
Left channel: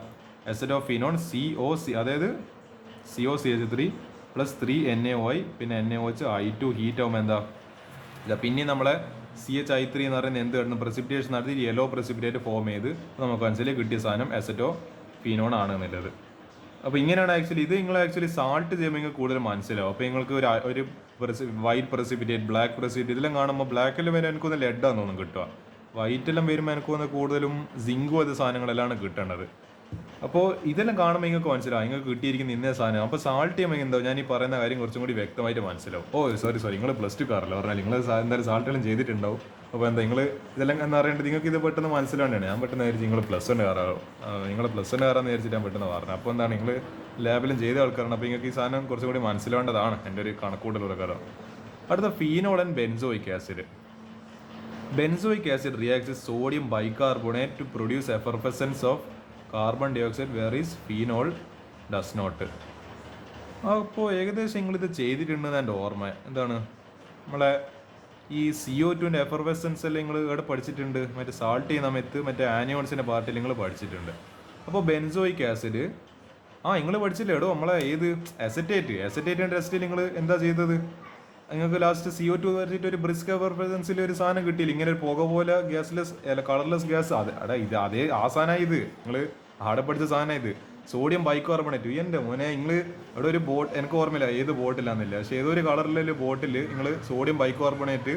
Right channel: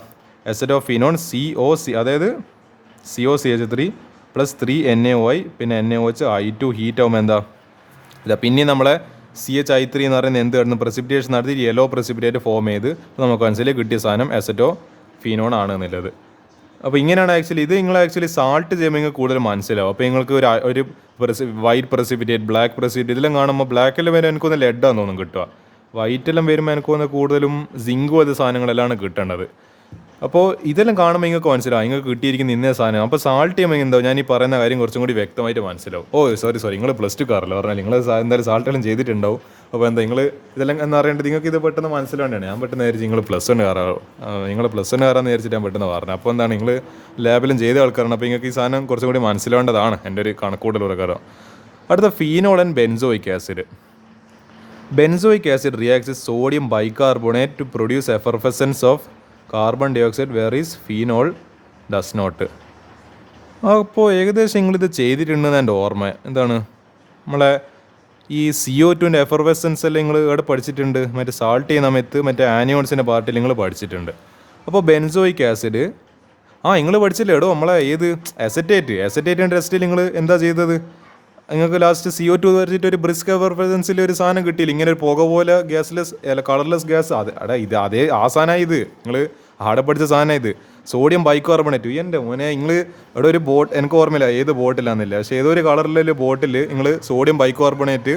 അസറ്റോഫീനോൺ COC, അതായത് COCH3 + 3 NaOI പിന്നെ NaOH I2 ഹീറ്റ് ആകുമ്പോൾ എന്താ, ഇല്ല പിന്നെ നമ്മളെ CHI3 എന്ന് പറയുന്നത് എന്ത് കിടന്ന് പ്രസിപ്പിറ്റേഷൻ നടത്തി യെല്ലോ പ്രസിപ്പിറ്റേറ്റ് ഫോം ചെയ്ത് നമുക്ക് മനസ്സിലായി കിട്ടിയ സാധനം അസറ്റോഫീനോൺ ആണ് എന്നുള്ളത്. അപ്പോൾ ഇങ്ങനെയാണ് ആക്ച്വലി ഇത് നിങ്ങൾ സാൾട്ട് ചെയ്യുമ്പോൾ നിങ്ങൾക്ക് കൂടുതൽ മനസ്സിലാവും. അപ്പോൾ നിങ്ങൾക്ക് ഒരു വൈറ്റ് പ്രസിപ്പിറ്റേറ്റ്, ബ്ലാക്ക് പ്രസിപ്പിറ്റേറ്റ് ഇതെല്ലാം കാണുമ്പോൾ ബ്ലാക്കെല്ലാം വരെ എനിക്കൊന്ന് ലെഡാന്ന് തോന്നും കിട്ടുക. വൈറ്റെല്ലാം വരുമ്പോൾ എനിക്കൊന്ന് കൂടുതലും സിങ്കും അത് സാധനങ്ങളെല്ലാം കിട്ടേണ്ടത്. അപ്പോൾ ഇതെല്ലാം കാണുമ്പോൾ നിങ്ങൾക്ക് മനസ്സിലാവും നിങ്ങൾക്ക് കിട്ടിയിരിക്കുന്ന ഇന്ന സാധനം. അപ്പോൾ സാൾട്ട് ചെയ്യുമ്പോൾ എന്താ ഞാൻ ഈ പറയുന്ന കാര്യം കുറച്ചും കൂടി വ്യക്തമായിട്ട് മനസ്സിലാവും. സോറി നിങ്ങൾ പ്ലസ് ടു കാറില്ല പറഞ്ഞാൽ നിങ്ങൾ എന്തായാലും സാൾട്ടെല്ലാം ചെയ്തിട്ടുണ്ടാവും. അപ്പോൾ എന്താ നിങ്ങൾ ഇതെല്ലാം എന്ന് പറയേണ്ടത് നിങ്ങൾക്ക് ഇത് പെട്ടെന്ന് മനസ്സിലാവേണ്ടതാണ്. ഞാൻ പെട്ടെന്ന് വിചാരിച്ചു നിങ്ങൾ പ്ലസ് വൺ കാറാണോ, നിങ്ങൾ പ്ലസ് വൺ കാറാന്ന് വിചാരിച്ചിട്ട് ഞാൻ പെട്ടെന്ന് പറഞ്ഞത്. അപ്പോൾ എന്താണ് നിങ്ങൾ ലാബിലും ചെയ്ത ആൾക്കാരാണ്. അപ്പോൾ നിങ്ങൾക്ക് ഈ സാധനം കുറച്ചും കൂടി മനസ്സിലാവേണ്ടതാണ് എൻ്റെ ഒരു കണക്കൂട്ടൽ പ്രകാരം. അടുത്ത phenol and benzoic acid. Benzoic acid reacts with sodium bicarbonate to produce effervescence of carbon dioxide, whereas phenol does not. അപ്പോൾ ഏകദേശം നിങ്ങളിത് ചെയ്തിട്ടുണ്ടെന്ന് എൻ്റെ ഓർമ്മ. എന്താണ് നമ്മളെ ഈ CO2 എഫർവെസൻസ് എല്ലാം നിങ്ങൾ ഇവിടെ പഠിച്ചിട്ടുണ്ട്. മറ്റേ സാൾട്ട് ചെയ്യുന്ന സമയത്ത് മറ്റേ ആനിയോൺസിൻ്റെ പാർട്ടിൽ നിങ്ങൾ പഠിച്ചിട്ടുണ്ട്. അപ്പോൾ ബെൻസോയിക് ആസിഡ് നിങ്ങൾ പഠിച്ചില്ലേ എടോ നമ്മളെ ഏത് അസറ്റേറ്റിൻ്റെ ടെസ്റ്റിൽ നിങ്ങൾ എന്താ ചെയ്തത്? നിങ്ങൾക്ക് ലാസ്റ്റ് CO2 വരച്ചിട്ട് ഒരു ബ്രിസ്ക് എഫർവെസൻസിൽ ഒരു സാധനം കിട്ടിയില്ല, ഇങ്ങനെ ഒരു പുക പോലെ ഗ്യാസ്ലെസ് അല്ല കളർലെസ് ഗ്യാസ്. ഇത് അതേ ആ സാധനമാണ് ഇത്, നിങ്ങൾ ആടെ പഠിച്ച സാധനം ഇത് സോഡിയം ബൈകാർബണേറ്റ്. എൻ്റെ മോനെ നിങ്ങൾ ഇവിടെ ഒരു എനിക്ക് ഓർമ്മയില്ല ഏത് ബോട്ടിലാണെന്നില്ല, പക്ഷേ ഏതൊരു കളറിലെ ബോട്ടിൽ നിങ്ങൾ സോഡിയം ബൈകാർബണേറ്റ്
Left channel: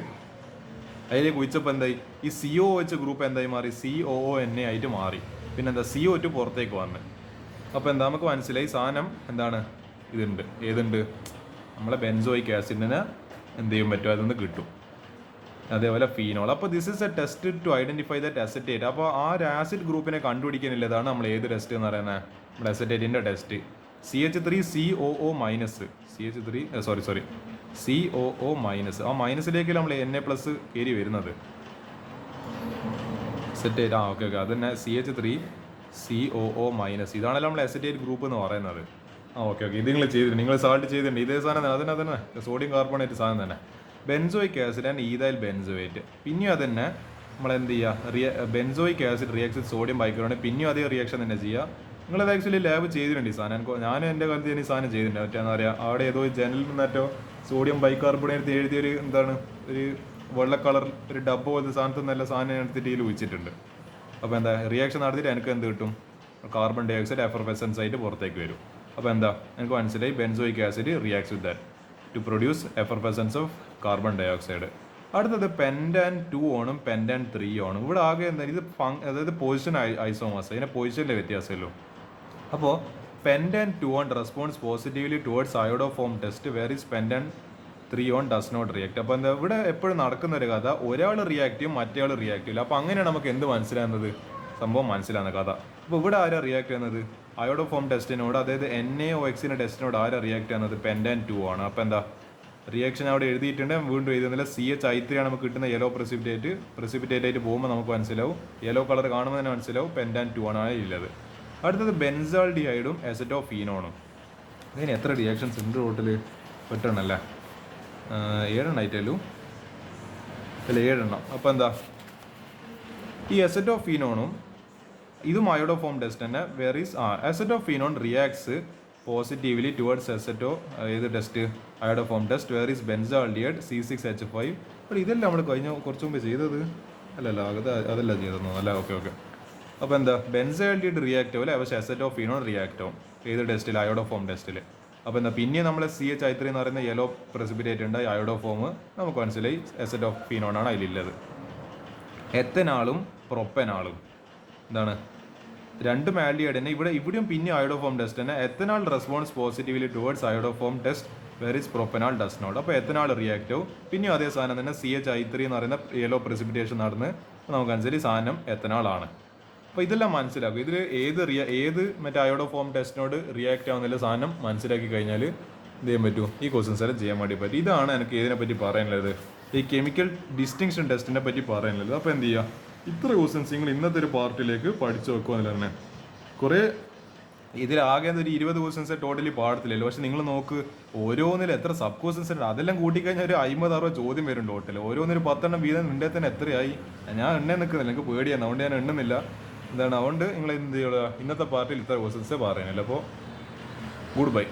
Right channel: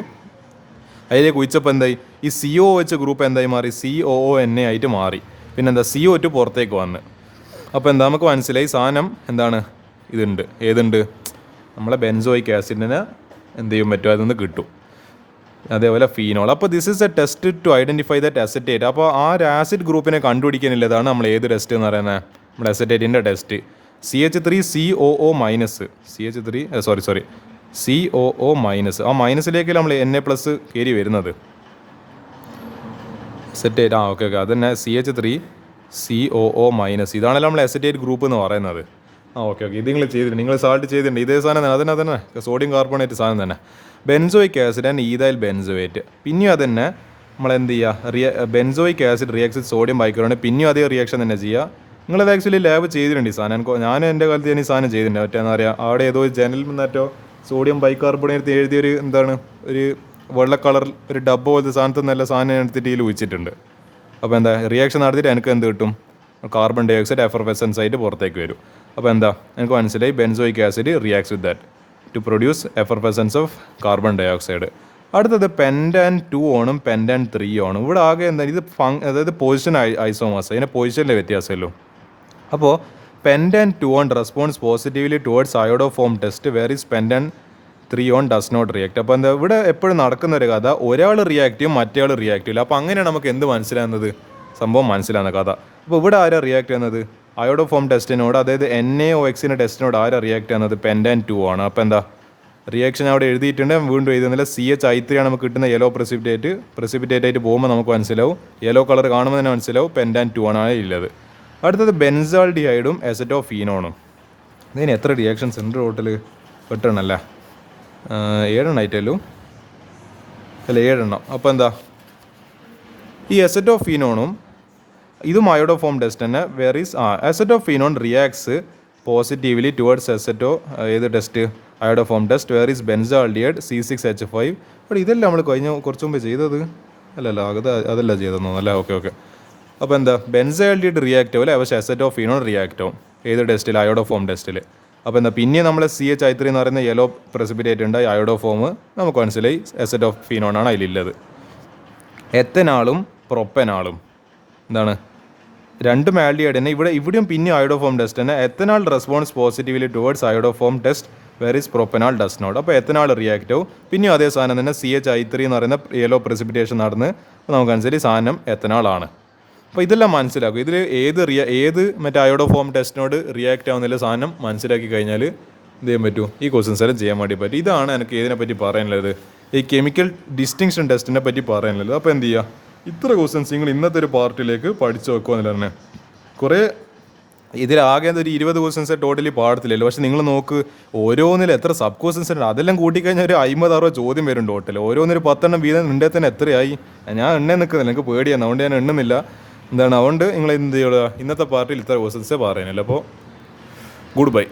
അതിലേക്ക് ഒഴിച്ചപ്പോൾ എന്തായി ഈ CO വെച്ച ഗ്രൂപ്പ് എന്തായി മാറി, COONA ആയിട്ട് മാറി. പിന്നെന്താ CO2 പുറത്തേക്ക് വന്ന്. അപ്പോൾ എന്താ നമുക്ക് മനസ്സിലായി സാധനം എന്താണ് ഇതുണ്ട്, ഏതുണ്ട് നമ്മളെ ബെൻസോയിക് ആസിഡിന് എന്ത് ചെയ്യാൻ പറ്റും, അതൊന്ന് കിട്ടും. അതേപോലെ ഫീനോൾ. അപ്പോൾ this is a test to identify that acetate. അപ്പോൾ ആ ഒരു ആസിഡ് ഗ്രൂപ്പിനെ കണ്ടുപിടിക്കാനുള്ളതാണ് നമ്മൾ ഏത് ടെസ്റ്റ് എന്ന് പറയുന്നത്, നമ്മുടെ അസറ്റേറ്റിൻ്റെ test. CH3COO minus COO minus. ആ മൈനസിലേക്ക് നമ്മൾ Na+ കയറി വരുന്നത് അസറ്റേറ്റ്. ഓക്കെ അതന്നെ CH3COO മൈനസ്. ഇതാണല്ലോ നമ്മൾ അസറ്റേറ്റ് ഗ്രൂപ്പ് എന്ന് പറയുന്നത്. ഓക്കെ ഇത് നിങ്ങൾ ചെയ്തിട്ടുണ്ട്, നിങ്ങൾ സാൾട്ട് ചെയ്തിട്ടുണ്ട്. ഇതേ സാധനം തന്നെ അതന്നെ സോഡിയം കാർബണേറ്റ് സാധനം തന്നെ. Benzoic acid and ethyl benzoate. പിന്നെയും അതന്നെ നമ്മളെന്ത് ചെയ്യുക, ബെൻസോയിക് ആസിഡ് റിയാക്ട്സ് വിത്ത് സോഡിയം ബൈകാർബണേറ്റ്. പിന്നെയും അതേ റിയാക്ഷൻ തന്നെ ചെയ്യുക. നിങ്ങളത് ആക്ച്വലി ലാബ് ചെയ്തിട്ടുണ്ട് ഈ സാധനം. ഞാൻ എൻ്റെ കാലത്ത് ഞാൻ ഈ സാധനം ചെയ്തിട്ടുണ്ട്. മറ്റേ എന്താ പറയുക, അവിടെ ഏതോ ജനലിൽ നിന്നേറ്റോ സോഡിയം ബൈകാർബണേറ്റ് എഴുതിയൊരു എന്താണ് ഒരു വെള്ള കളർ ഒരു ഡബ്ബ പോലത്തെ സാധനത്തിൽ നല്ല സാധനം എടുത്തിട്ട് ഇതിൽ ഒഴിച്ചിട്ടുണ്ട്. അപ്പോൾ എന്താ റിയാക്ഷൻ നടത്തിയിട്ട് എനിക്ക് എന്ത് കിട്ടും, കാർബൺ ഡൈ ഓക്സൈഡ് എഫർവെസൻസ് ആയിട്ട് പുറത്തേക്ക് വരും. അപ്പോൾ എന്താ എനിക്ക് മനസ്സിലായി, benzoic acid reacts with that to produce effervescence of carbon ഡൈ ഓക്സൈഡ്. അടുത്തത് പെൻറ്റാൻ 2 ഓണും പെൻറ്റാൻ 3 ഓണും. ഇവിടെ ആകെ എന്താ ഇത് അതായത് പൊസിഷൻ ഐസോമേഴ്സ്, അതിൻ്റെ പൊസിഷനിലെ വ്യത്യാസമല്ലോ. അപ്പോൾ pentan 2 one responds positively towards iodoform test, whereas pentan 3 one does not react. അപ്പോൾ എന്താ ഇവിടെ എപ്പോഴും നടക്കുന്ന ഒരു കഥ, ഒരാൾ റിയാക്ട് ചെയ്യും മറ്റേ ആൾ റിയാക്ട് ചെയ്യില്ല. അപ്പോൾ അങ്ങനെയാണ് നമുക്ക് എന്ത് മനസ്സിലാകുന്നത്, സംഭവം മനസ്സിലാകുന്ന കഥ. അപ്പോൾ ഇവിടെ ആരാ റിയാക്ട് ചെയ്യുന്നത്, അയോഡോഫോം ടെസ്റ്റിനോട്, അതായത് NaOXന്റെ ടെസ്റ്റിനോട് ആരാ റിയാക്ട് ചെയ്യുന്നത്, പെൻറ്റാൻ 2 ആണ്. അപ്പോൾ എന്താ റിയാക്ഷൻ അവിടെ എഴുതിയിട്ടുണ്ട്, വീണ്ടും എഴുതുന്നില്ല. CH3 ആണ് നമുക്ക് കിട്ടുന്ന യെല്ലോ പ്രസിപ്പിറ്റേറ്റ് ആയിട്ട് പോകുമ്പോൾ നമുക്ക് മനസ്സിലാവും, യെല്ലോ കളർ കാണുമ്പോൾ തന്നെ മനസ്സിലാവും പെൻറ്റാൻ 2 ആണ് ഉള്ളത്. അടുത്തത് ബെൻസാൾഡിഹൈഡും അസറ്റോഫീനോണും. ഇതിന് എത്ര റിയാക്ഷൻസ് ഉണ്ട് ടോട്ടൽ? 8 എണ്ണല്ലേ, 7 എണ്ണമായിട്ടല്ലോ അല്ല 7 എണ്ണം. അപ്പോൾ എന്താ ഈ അസറ്റോഫീനോണും ഇതും അയോഡോഫോം ടെസ്റ്റ് തന്നെ. അസറ്റോഫീനോൺ റിയാക്ട്സ് പോസിറ്റീവ്ലി ടുവേർഡ്സ് ഏത് test, iodoform test, whereas benzaldehyde C6H5. അപ്പോൾ ഇതെല്ലാം നമ്മൾ കഴിഞ്ഞ കുറച്ച് മുമ്പ് ചെയ്തത് അല്ലല്ലോ, അതല്ല ചെയ്തെന്നോ അല്ല. ഓക്കെ അപ്പോൾ എന്താ ബെൻസാൾഡിഹൈഡ് റിയാക്ട് ആവില്ല, പക്ഷേ അസറ്റോഫീനോൺ റിയാക്ട് ആവും ഏത് ടെസ്റ്റിൽ, അയോഡോഫോം ടെസ്റ്റിൽ. അപ്പോൾ എന്താ പിന്നെ നമ്മൾ CH3 എന്ന് പറയുന്ന യെല്ലോ പ്രസിപ്പിറ്റേറ്റ് ഉണ്ട്, അയോഡോഫോം നമുക്ക് മനസ്സിലായി അസറ്റോഫീനോണാണ് അതിലുള്ളത്. എത്തനാളും പ്രൊപ്പനാളും എന്താണ് രണ്ടും ആൽഡിഹൈഡ് തന്നെ. ഇവിടെയും പിന്നെ അയോഡോഫോം ടെസ്റ്റ് തന്നെ. Ethanal responds positively towards iodoform test, whereas propanal does not. അപ്പോൾ എത്തനാൾ റിയാക്ട് ആവും. പിന്നെയും അതേ സാധനം തന്നെ CH3 എന്ന് പറയുന്ന യെല്ലോ പ്രസിപ്പിറ്റേഷൻ നടന്ന് നമുക്കനുസരിച്ച് സാധനം എത്തനാളാണ്. അപ്പോൾ ഇതെല്ലാം മനസ്സിലാക്കും. ഇതിൽ ഏത് മറ്റേ അയോഡോഫോം ടെസ്റ്റിനോട് റിയാക്ട് ആവുന്നില്ല സാധനം മനസ്സിലാക്കി കഴിഞ്ഞാൽ എന്ത് ചെയ്യാൻ പറ്റും, ഈ ക്വസ്റ്റ്യൻസ് എല്ലാം ചെയ്യാൻ വേണ്ടി പറ്റും. ഇതാണ് എനിക്ക് ഇതിനെപ്പറ്റി പറയാനുള്ളത്, ഈ കെമിക്കൽ ഡിസ്റ്റിങ്ഷൻ ടെസ്റ്റിനെ പറ്റി പറയാനുള്ളത്. അപ്പോൾ എന്ത് ചെയ്യുക, ഇത്ര ക്വസ്റ്റ്യൻസ് നിങ്ങൾ ഇന്നത്തെ ഒരു പാർട്ടിലേക്ക് പഠിച്ചു വെക്കുക എന്നല്ല തന്നെ. കുറേ ഇതിലാകെ ഒരു 20 ക്വസ്റ്റ്യൻസ് ടോട്ടലി പാടത്തില്ലല്ലോ. പക്ഷേ നിങ്ങൾ നോക്ക് ഓരോന്നിലും എത്ര സബ് ക്വസ്റ്റ്യൻസ് ഉണ്ട്. അതെല്ലാം കൂട്ടിക്കഴിഞ്ഞാൽ ഒരു 50-60 ചോദ്യം വരും ടോട്ടൽ. ഓരോന്നൊരു 10 എണ്ണം വീതം ഉണ്ടെങ്കിൽ തന്നെ എത്രയായി. ഞാൻ എണ്ണ നിൽക്കുന്നില്ല, എനിക്ക് പേടിയാണ്, അതുകൊണ്ട് ഞാൻ എണ്ണുന്നില്ല. എന്താണ് അതുകൊണ്ട് നിങ്ങൾ എന്ത് ചെയ്യുക, ഇന്നത്തെ പാർട്ടിയിൽ ഇത്ര ക്വസ്റ്റ്യൻസേ പറയാനില്ല. അപ്പോൾ ഗുഡ് ബൈ.